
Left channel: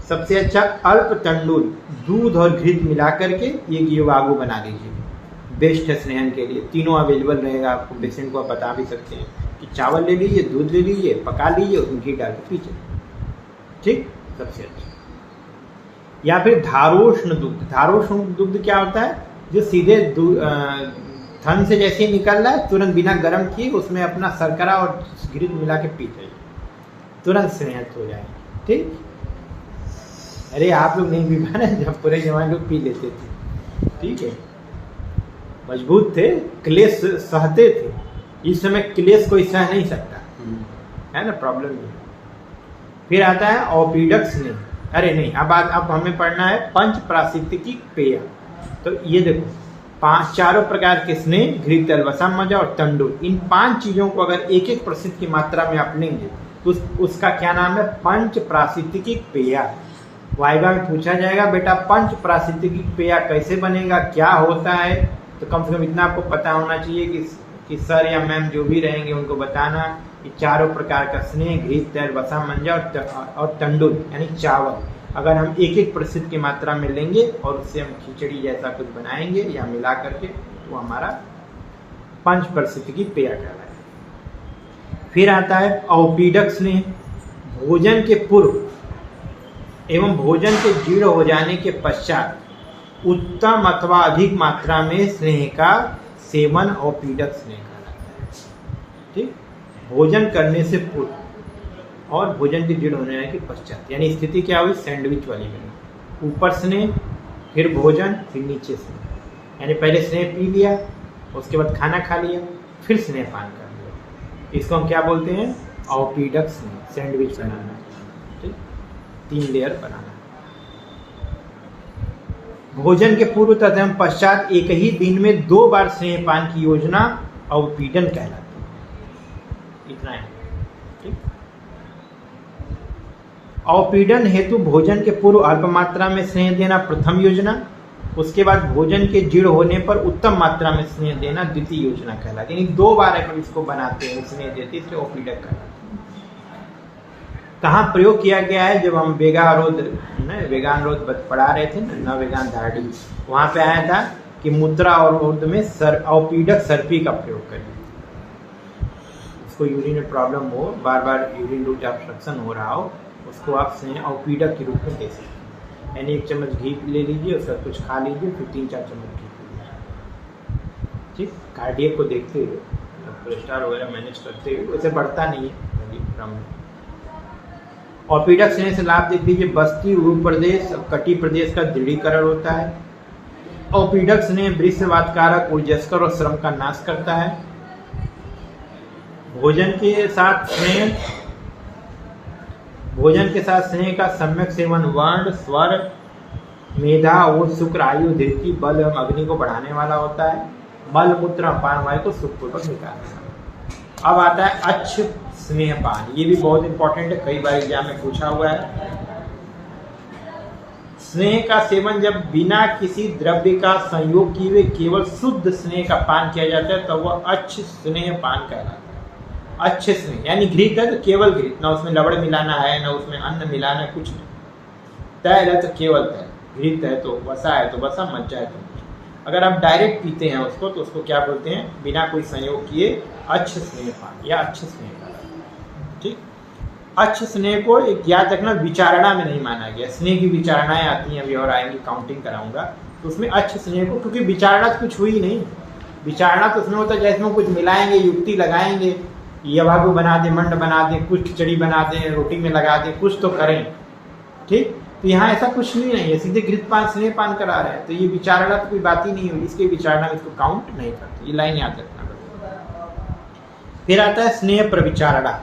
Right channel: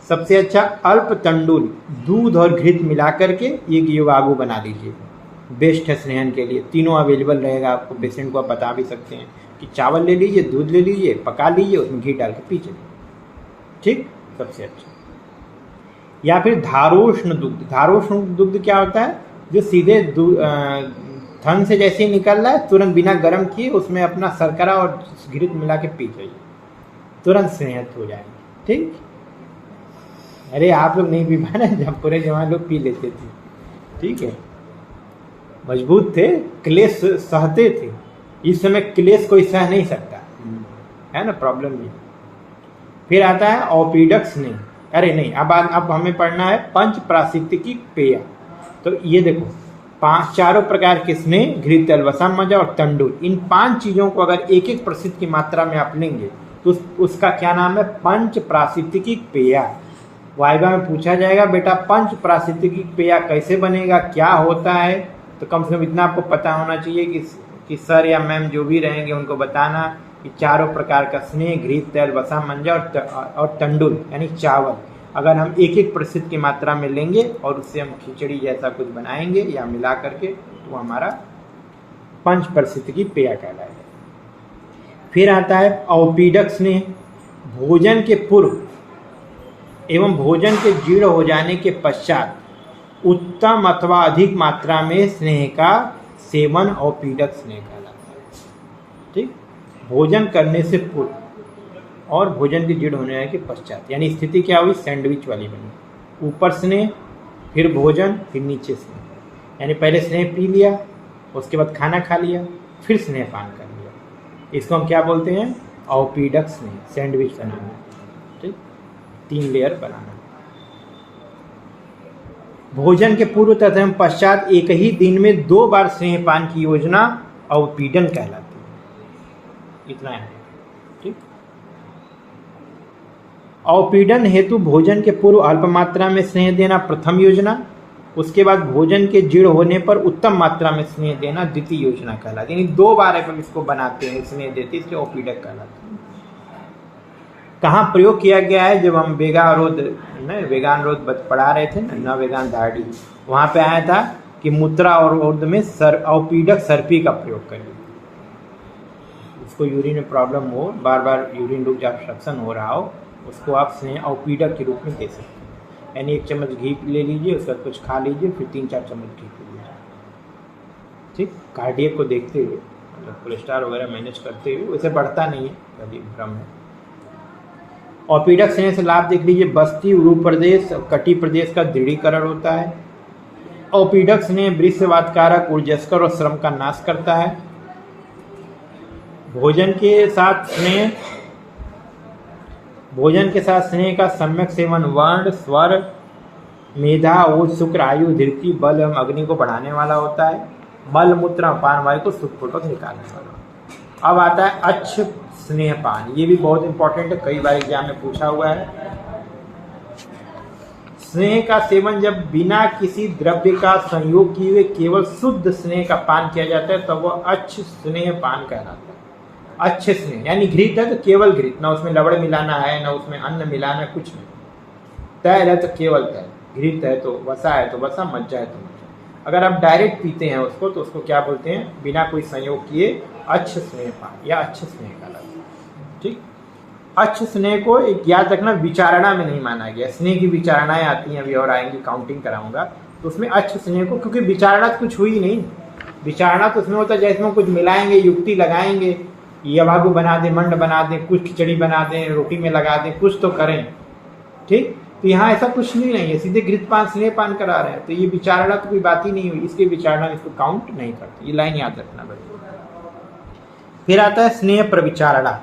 सबसे अच्छा अल्प तंडुल, दूध और घृत मिला करके एक योगागु बना लीजिए, बेस्ट है स्नेहन के लिए। तीनों अवेलेबल रहेगा आपको, पेशेंट को आप बता भी सकते हैं कि चावल ले लीजिए, दूध ले लीजिए, पका लीजिए, उसमें घी डाल के पीजिए। ठीक, सबसे अच्छा। या फिर धारोष्ण दुग्ध। धारोष्ण दुग्ध क्या होता है, जो सीधे थन से जैसे ही निकल रहा है, तुरंत बिना गर्म किए उसमें अपना शर्करा और घृत मिला के पी जाइए, तुरंत स्नेहित हो जाएंगे। ठीक। अरे आप लोग नहीं पी पाए, जब पूरे जवान लोग पी लेते थे। ठीक है, मजबूत थे, क्लेश सहते थे। इस समय क्लेश कोई सह नहीं सकता है ना, प्रॉब्लम नहीं। फिर आता है औपीडक स्नेह। अरे नहीं, अब हमें पढ़ना है पंच प्राशित्तिकी पेय। तो ये देखो, 4 प्रकार के स्नेह, घृत, वसा, मजा और तंडुल, इन 5 चीजों को अगर 1-1 प्रतिशत की मात्रा में आप लेंगे तो उसका क्या नाम है, पंच प्राशित्तिकी पेय। वाइवा में पूछा जाएगा, बेटा पंच प्राशित्तिकी पेय कैसे बनेगा, क्या होता है, तो कम से कम इतना आपको पता होना चाहिए कि सर या मैम जो भी रहेंगे उनको बताना कि 4 प्रकार का स्नेह, घृत, तेल, वसा, मंजा और तंडुल यानी चावल अगर हम 1-1 प्रतिशत की मात्रा में लेंगे और उससे हम खिचड़ी जैसा कुछ बनाएंगे या मिला करके, वो हमारा 5% की पेय कहलाएगा। फिर आता है औपीडक स्नेह। भोजन के पूर्व एवं भोजन के जीर्ण हो जाने के पश्चात उत्तम अथवा अधिक मात्रा में स्नेह का सेवन औपीडक स्नेह कहलाता है। ठीक। भोजन करने से पूर्व और भोजन के जीर्ण होने के पश्चात, यानी स्थिति क्या हुई, सैंडविच वाली बनी। ऊपर स्नेह, फिर भोजन, फिर नीचे स्नेह। यानी पहले स्नेह पी लिया, उसके बाद खाना खा लिया, फिर स्नेह पान कर लिया। इसको हम क्या बोलते हैं, औपीडक स्नेह, सैंडविच बनाना। ठीक, 3 लेयर बनाना। भोजन के पूर्व तथा पश्चात एक ही दिन में 2 बार स्नेह पान की योजना औपीडन कहलाती है। इतना है। ठीक। औपीडन हेतु भोजन के पूर्व अल्प मात्रा में स्नेह देना प्रथम योजना, उसके बाद भोजन के जीर्ण होने पर उत्तम मात्रा में स्नेह देना द्वितीय योजना कहलाती है। यानी 2 बार अपन इसको बनाते हैं, स्नेह देते, इसलिए औपीडक कहलाती है। कहाँ प्रयोग किया गया है, जब हम वेगानुरोध पढ़ा रहे थे न वेगान दाढ़ी, वहां पे आया था कि मुद्रा और उर्द में औपीडक सर्पी का प्रयोग करिए। उसको यूरिन में प्रॉब्लम हो, बार बार यूरिन रूट ऑब्स्ट्रक्शन हो रहा हो, उसको आप स्नेह औपीडक के रूप में दे सकते हैं। यानी 1 चम्मच घी ले लीजिए, उसका कुछ खा लीजिए, फिर 3-4 चम्मच घी पी लीजिए। ठीक। कार्डियक को देखते हुए, कोलेस्ट्रॉल वगैरह मैनेज करते हुए, वैसे बढ़ता नहीं है। औपीडक स्नेह से लाभ देख लीजिए, बस्ती, उरु प्रदेश, कटी प्रदेश का दृढ़ीकरण होता है। औपीडक स्नेह वृषवातकारक, ऊर्जस्कर और श्रम का नाश करता है। भोजन के साथ स्नेह का सम्यक सेवन वर्ण, स्वर, मेधा और शुक्र, आयु, धृति, बल एवं अग्नि को बढ़ाने वाला होता है। मल, मूत्र, अपान वायु को सुखपूर्वक निकालने वाला। अब आता है अच्छ स्नेहपान, ये भी बहुत इंपॉर्टेंट है, कई बार एग्जाम में पूछा हुआ है। स्नेह का सेवन जब बिना किसी द्रव्य का संयोग किए हुए केवल शुद्ध स्नेह का पान किया जाता है तब वह अच्छ स्नेह पान कहलाता है। अच्छे स्नेह यानी घृत है तो केवल घृत, ना उसमें लवण मिलाना है ना उसमें अन्न मिलाना है, कुछ नहीं। तैल है तो केवल तैल, घृत है तो वसा है तो वसा, मज्जा है तो मज्जा। अगर आप डायरेक्ट पीते हैं उसको तो उसको क्या बोलते हैं, बिना कोई संयोग किए अच्छ स्नेह पान या अच्छ स्नेह का। ठीक, अच्छ स्नेह को एक याद रखना, विचारणा में नहीं माना गया। स्नेह की विचारणाएं आती हैं, अभी और आएंगी, काउंटिंग कराऊंगा उसमें अच्छ स्नेह को, क्योंकि विचारणा तो कुछ हुई नहीं। विचारणा तो उसमें होता है जैसे कुछ मिलाएंगे, युक्ति लगाएंगे, यवागु बना दें, मंड बना दें, कुछ खिचड़ी बना दें, रोटी में लगा दें, कुछ तो करें। ठीक, तो यहाँ ऐसा कुछ नहीं है, सीधे घृत पान स्नेह पान करा रहे हैं, तो ये विचारणा तो कोई बात ही नहीं हुई, इसके विचारणा में इसको काउंट नहीं करते। ये लाइन याद रखना। फिर आता है स्नेह प्रविचारणा।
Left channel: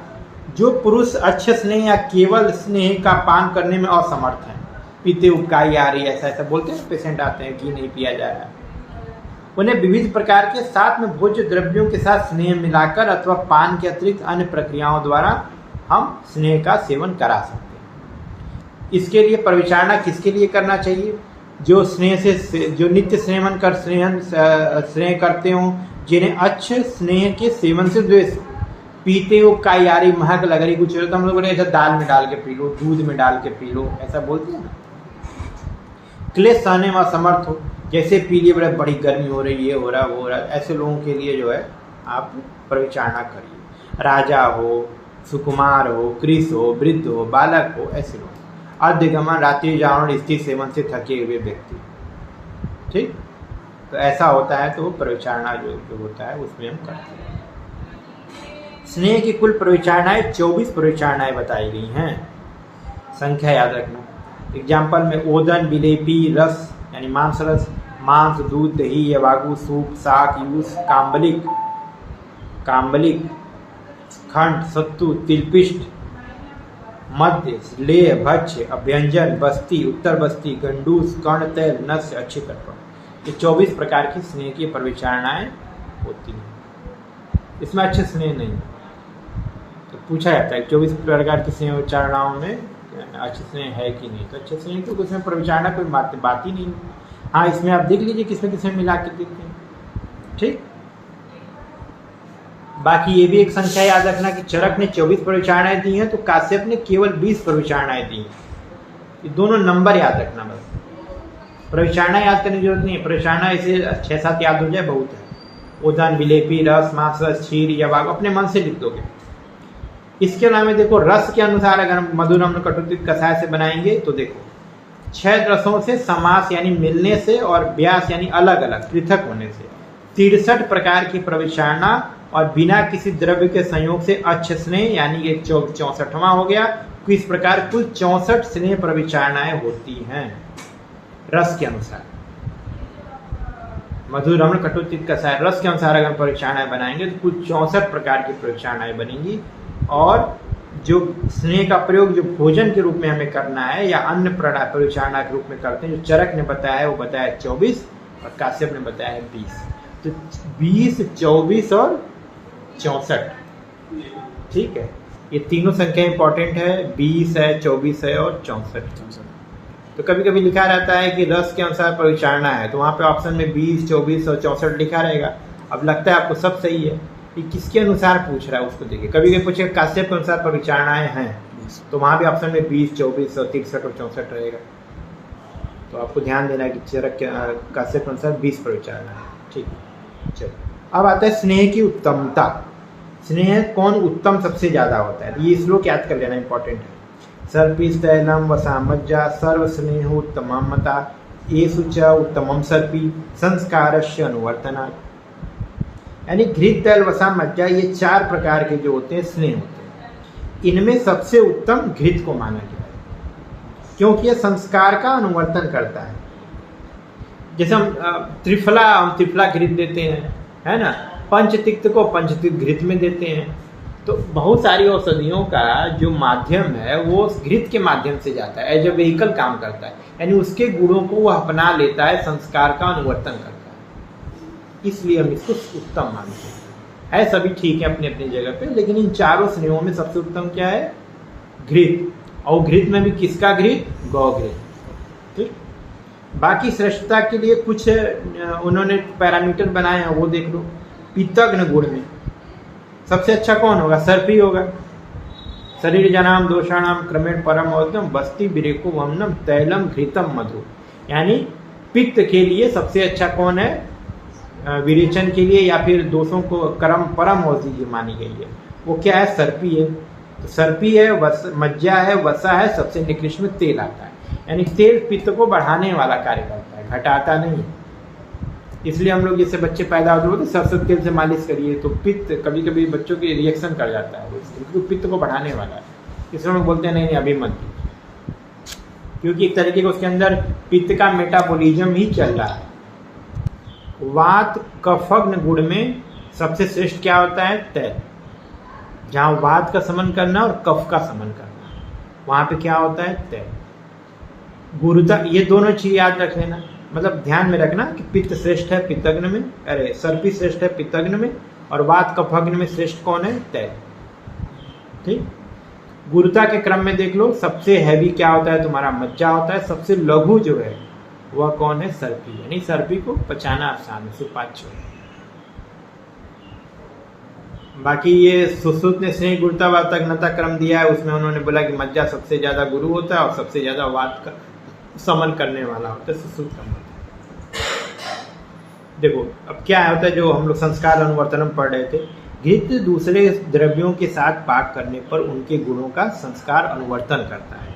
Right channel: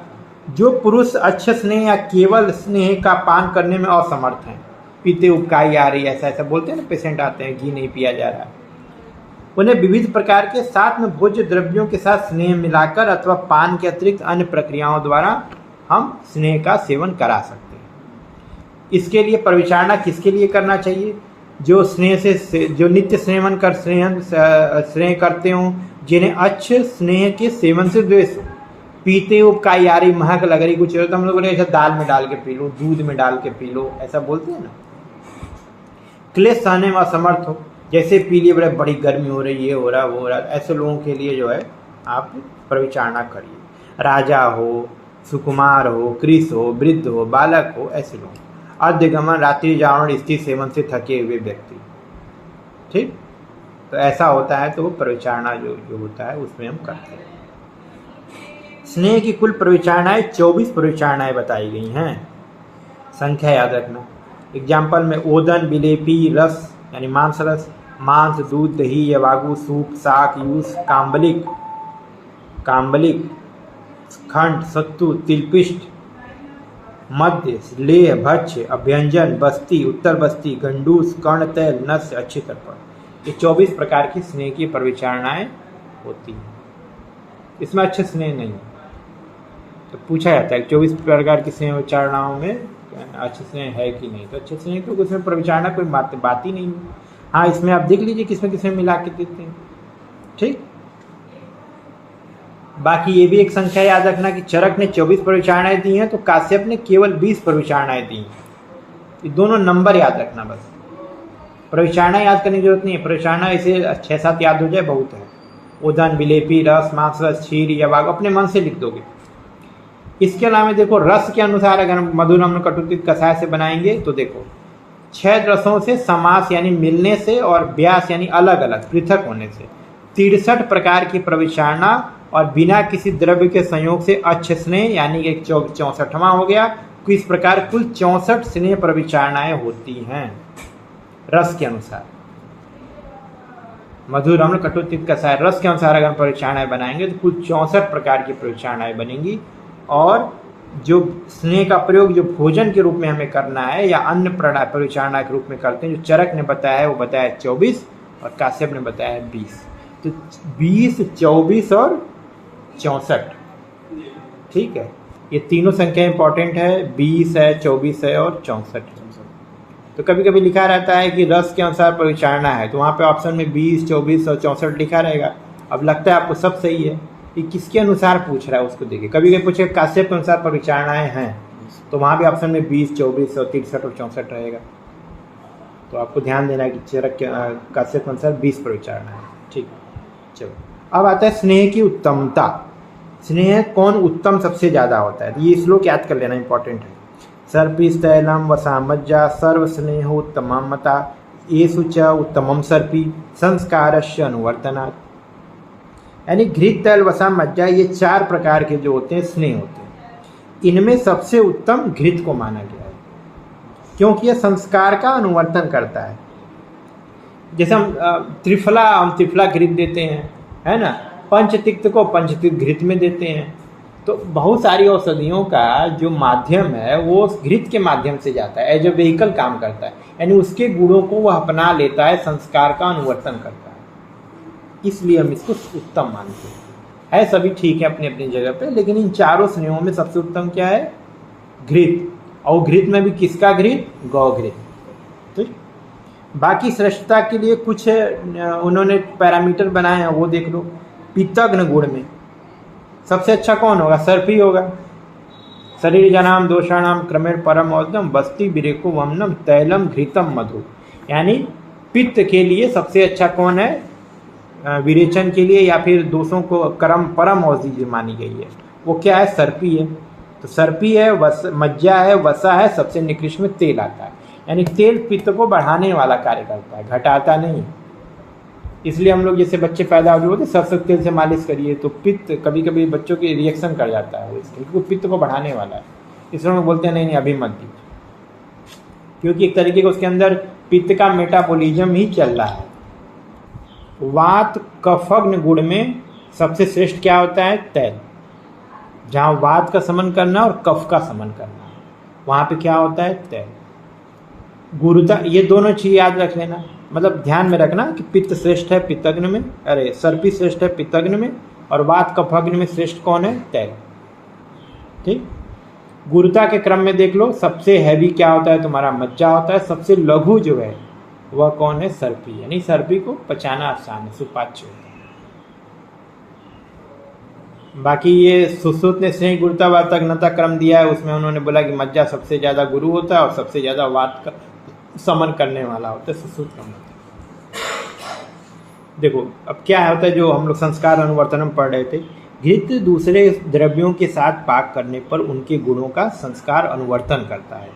जो पुरुष अच्छे स्नेह या केवल स्नेह का पान करने में असमर्थ है, पीते उबकाई आ रही है, ऐसा बोलते हैं, पेशेंट आते हैं घी नहीं पिया जा रहा है, उन्हें विविध प्रकार के साथ में भोज्य द्रव्यों के साथ स्नेह मिलाकर अथवा पान के अतिरिक्त अन्य प्रक्रियाओं द्वारा हम स्नेह का सेवन करा सकते हैं। इसके लिए प्रविचारणा किसके लिए करना चाहिए, जो स्नेह से जो नित्य सेवन कर स्नेह करते हों, जिन्हें अच्छे स्नेह के सेवन से द्वेष, पीते हो काई आ रही, महक लग रही, कुछ हम लोग ऐसा दाल में डाल के पी लो, दूध में डाल के पी लो, ऐसा बोलते हैं ना। क्लेश सहने में असमर्थ हो, जैसे पी लिए बड़ी गर्मी हो रही है, हो रहा वो हो रहा, ऐसे लोगों के लिए जो है आप प्रविचारणा करिए। राजा हो, सुकुमार हो, कृष हो, वृद्ध हो, बालक हो, ऐसे लोग, अर्धगमन, रात्रि जागरण, स्त्री सेवन से थके हुए व्यक्ति। ठीक, तो ऐसा होता है तो वो प्रविचारणा जो होता है उसमें हम करते हैं। स्नेह की कुल प्रविचारणाएं 24 प्रविचारणाएं बताई गई हैं, संख्या याद रखना। एग्जाम्पल में ओदन, विलेपी, रस यानी मांस रस, मांस, दूध, दही, यवागु, सूप, शाक, यूस, काम्बलिक, खंड, सत्तु, तिलपिष्ट, मध्य, लेह, भक्ष्य, अभ्यंजन, बस्ती, उत्तर बस्ती, गंडूस, कर्ण, तैल, नस्य, अच्छी तर्पण, ये 24 प्रकार की स्नेह की प्रविचारणाएं होती हैं। इसमें अच्छे स्नेह नहीं, तो पूछा जाता है 24 प्रकार की स्नेह विचारणाओं में अच्छे स्नेह है कि नहीं, तो अच्छे स्नेह क्योंकि उसमें प्रविचारणा कोई बात ही नहीं। हाँ, इसमें आप देख लीजिए किसमें किसमें मिला के देते हैं। ठीक, बाकी ये भी एक संख्या याद रखना कि चरक ने 24 प्रविचारणाएं दी हैं तो काश्यप ने केवल 20 प्रविचारणाएं दी। ये दोनों नंबर याद रखना, बस प्रविचारणा याद करने की जरूरत नहीं है, प्रविचारणा ऐसे 6-7 याद हो जाए बहुत है। ओदन, विलेपी, रस, मांस रस, क्षीर, यवाग अपने मन से लिख दोगे। इसके अलावा देखो रस के अनुसार अगर हम मधुर अम्ल कटुतिक कषाय से बनाएंगे तो देखो 6 रसों से समास यानी मिलने से और व्यास यानी अलग अलग पृथक होने से 63 प्रकार की प्रविचारणा और बिना किसी द्रव्य के संयोग से अच्छ स्नेह यानी कि 64वां हो गया। तो इस प्रकार कुल 64 स्नेह प्रविचारणाएं होती हैं रस के अनुसार। मधुर अम्ल कटुतिक कषाय रस के अनुसार अगर प्रविचारणाएं बनाएंगे तो कुल 64 प्रकार की प्रविचारणाएं बनेंगी। और जो स्नेह का प्रयोग जो भोजन के रूप में हमें करना है या अन्य प्रविचारणा के रूप में करते हैं, जो चरक ने बताया है वो बताया 24 और काश्यप ने बताया है 20। तो 20, 24 और 64। ठीक है, ये तीनों संख्या इंपॉर्टेंट है, 20 है, 24 है और 64। तो कभी कभी लिखा रहता है कि रस के अनुसार प्रविचारणा है, तो वहाँ पे ऑप्शन में 20, 24 और 64 लिखा रहेगा। अब लगता है आपको सब सही है, ये किसके अनुसार पूछ रहा है उसको देखिए। कभी कभी पूछे काश्यप के अनुसार प्रविचारणाएं हैं तो वहाँ भी ऑप्शन में 20, 24 और 63 और 64 रहेगा। तो आपको ध्यान देना कि चरक के काश्यप के अनुसार 20 प्रविचारणा है। ठीक है, चलो अब आता है स्नेह की उत्तमता। स्नेह कौन उत्तम सबसे ज्यादा होता है, ये श्लोक याद कर लेना इंपॉर्टेंट है। सर्पिस्तैलम वसामज्जा सर्व स्नेह उत्तमता येषु च उत्तमम सर्पी संस्कारस्य अनुवर्तनात्। यानी घृत, तैल, वसा, मज्जा, ये 4 प्रकार के जो होते हैं स्नेह होते हैं। इनमें सबसे उत्तम घृत को माना गया है क्योंकि यह संस्कार का अनुवर्तन करता है। जैसे हम त्रिफला घृत देते हैं, है ना, पंचतिक्त को पंचतिक्त घृत में देते हैं। तो बहुत सारी औषधियों का जो माध्यम है वो घृत के माध्यम से जाता है, एज ए व्हीकल काम करता है, यानी उसके गुणों को वह अपना लेता है, संस्कार का अनुवर्तन करता है, इसलिए हम इसको उत्तम मानते हैं। है, सभी ठीक है अपनी अपनी जगह पे, लेकिन इन चारों स्नेहों में सबसे उत्तम क्या है? घृत। और घृत में भी किसका घृत? गौ घृत। ठीक। बाकी श्रेष्ठता के लिए कुछ उन्होंने पैरामीटर बनाए हैं, वो देख लो। पित्तग्न गुण में सबसे अच्छा कौन होगा? सर्पी होगा। शरीर जनाम दोषाणाम क्रमेण परम औषधम बस्ती विरेको वमनम तैलम घृतम मधु। यानी पित्त के लिए सबसे अच्छा कौन है? विरेचन के लिए या फिर दोषों को कर्म परम औषधि जो मानी गई है वो क्या है? सर्पी है। तो सर्पी है, मज्जा है, वसा है, सबसे निकृष्ट में तेल आता है। यानी तेल पित्त को बढ़ाने वाला कार्य करता है, घटाता नहीं। इसलिए हम लोग जैसे बच्चे पैदा हो तो सरसों तेल से मालिश करिए, तो पित्त कभी कभी बच्चों की रिएक्शन कर जाता है, इसलिए पित्त को बढ़ाने वाला है। इसलिए हम बोलते हैं नहीं अभी मत, क्योंकि एक तरीके का उसके अंदर पित्त का मेटाबॉलिज्म ही चल रहा है। वात कफग्न गुण में सबसे श्रेष्ठ क्या होता है? तैल। जहाँ वात का समन करना और कफ का समन करना, वहां पे क्या होता है? तैल। गुरुता, ये दोनों चीज याद रख लेना, मतलब ध्यान में रखना कि पित्त श्रेष्ठ है पित्तग्न में, अरे सर्पी श्रेष्ठ है पित्तग्न में, और वात कफग्न में श्रेष्ठ कौन है? तैल। ठीक। गुरुता के क्रम में देख लो, सबसे हैवी क्या होता है? तुम्हारा मज्जा होता है। सबसे लघु जो है वह कौन है? सर्पी। यानी सर्पी को पचाना आसान, सुपाच्य। बाकी ये सुश्रुत ने स्नेह गुरुता वातग्नता क्रम दिया है, उसमें उन्होंने बोला कि मज्जा सबसे ज्यादा गुरु होता है और सबसे ज्यादा वात का समन करने वाला होता है सुश्रुत क्रम। देखो अब क्या होता है, जो हम लोग संस्कार अनुवर्तन पढ़ रहे थे, घृत दूसरे द्रव्यों के साथ पाक करने पर उनके गुणों का संस्कार अनुवर्तन करता है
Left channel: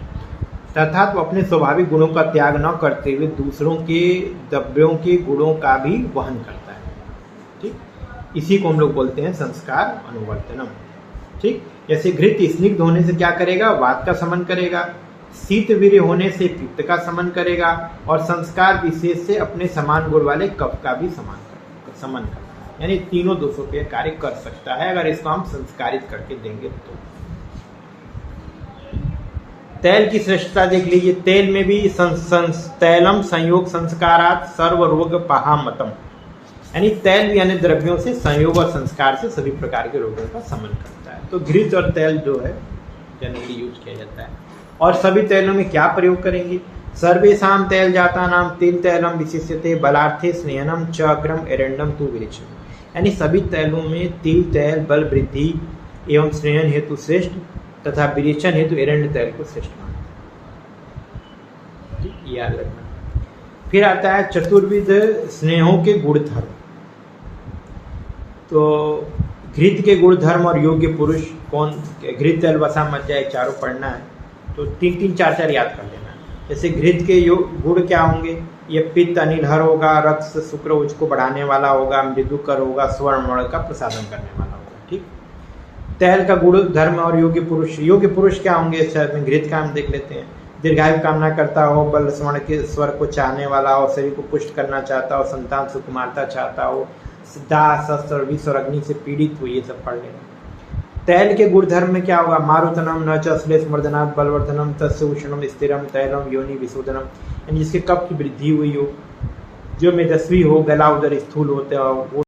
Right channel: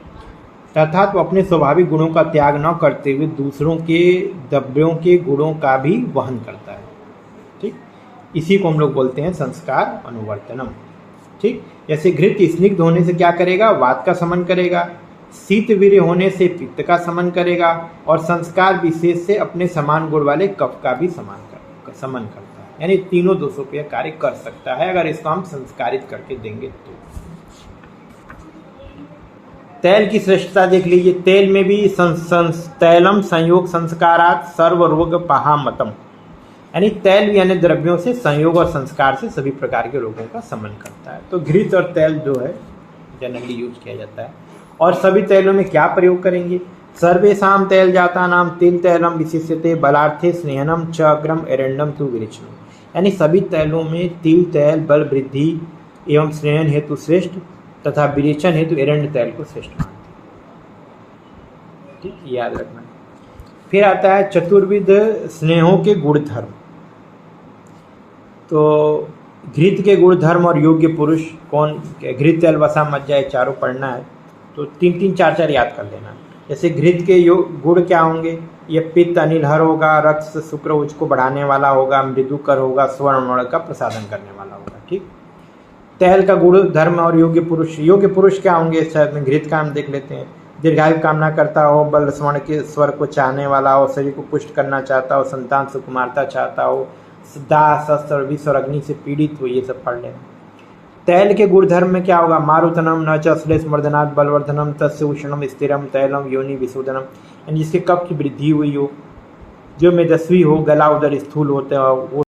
तथा तो अपने स्वाभाविक गुणों का त्याग न करते हुए दूसरों के द्रव्यों के गुणों का भी वहन करता है। ठीक। इसी को हम लोग बोलते हैं संस्कार अनुवर्तनम। ठीक। जैसे घृत स्निग्ध होने से क्या करेगा? वात का समन करेगा। शीत वीर्य होने से पित्त का समन करेगा, और संस्कार विशेष से अपने समान गुण वाले कफ का भी समन करता है। यानी तीनों दोषों पे कार्य कर सकता है अगर इसको हम संस्कारित करके देंगे तो। तैल की श्रेष्ठता देख लीजिए। तेल में भी तैलम संयोग संस्कारात सर्व रोग पहामतम। यानी तैल भी अन्य द्रव्यों से संयोग और संस्कार से सभी प्रकार के रोगों का समन करता है। तो घृत और तैल जो है जनरली यूज किया जाता है। और सभी तैलों में क्या प्रयोग करेंगे? सर्वेषां तैल जाता नाम तिल तैलम विशिष्यते बलार्थे स्नेहनम च अग्रम एरंडम तु विरेचन। यानी सभी तैलों में तिल तैल बल वृद्धि एवं स्नेहन हेतु श्रेष्ठ तथा विरेचन हेतु एरंड तैल को श्रेष्ठ। ठीक, याद रखना। फिर आता है चतुर्विध स्नेहों के गुणधर्म। तो घृत के गुणधर्म और योग्य पुरुष कौन? घृत तैल वसा मज्जा, चारों पढ़ना है तो 3-3 4-4 याद कर लेना। जैसे घृत के गुण क्या होंगे? ये पित्त अनिलहर होगा, रक्त शुक्र उसको बढ़ाने वाला होगा, मृदुकर होगा, स्वर्ण का प्रसादन करने वाला होगा। ठीक। तैल का गुण धर्म और योग्य पुरुष। योग्य पुरुष क्या होंगे? घृत का हम देख लेते हैं। दीर्घायु कामना करता हो, बल स्वर्ण के स्वर को चाहने वाला हो, शरीर को पुष्ट करना चाहता हो, संतान सुकुमारता चाहता हो, दाह शस्त्र विष और अग्नि से पीड़ित हो, ये सब पढ़ लेना। तैल के गुणधर्म में क्या होगा? मारुतनम न च श्लेष मर्दनाथ बलवर्धनम तस्य उष्णम स्थिरम तैलम योनि विशोधनम। यानी जिसके कफ की वृद्धि हुई हो, जो मेदस्वी हो, गला उदर स्थूल होता हो,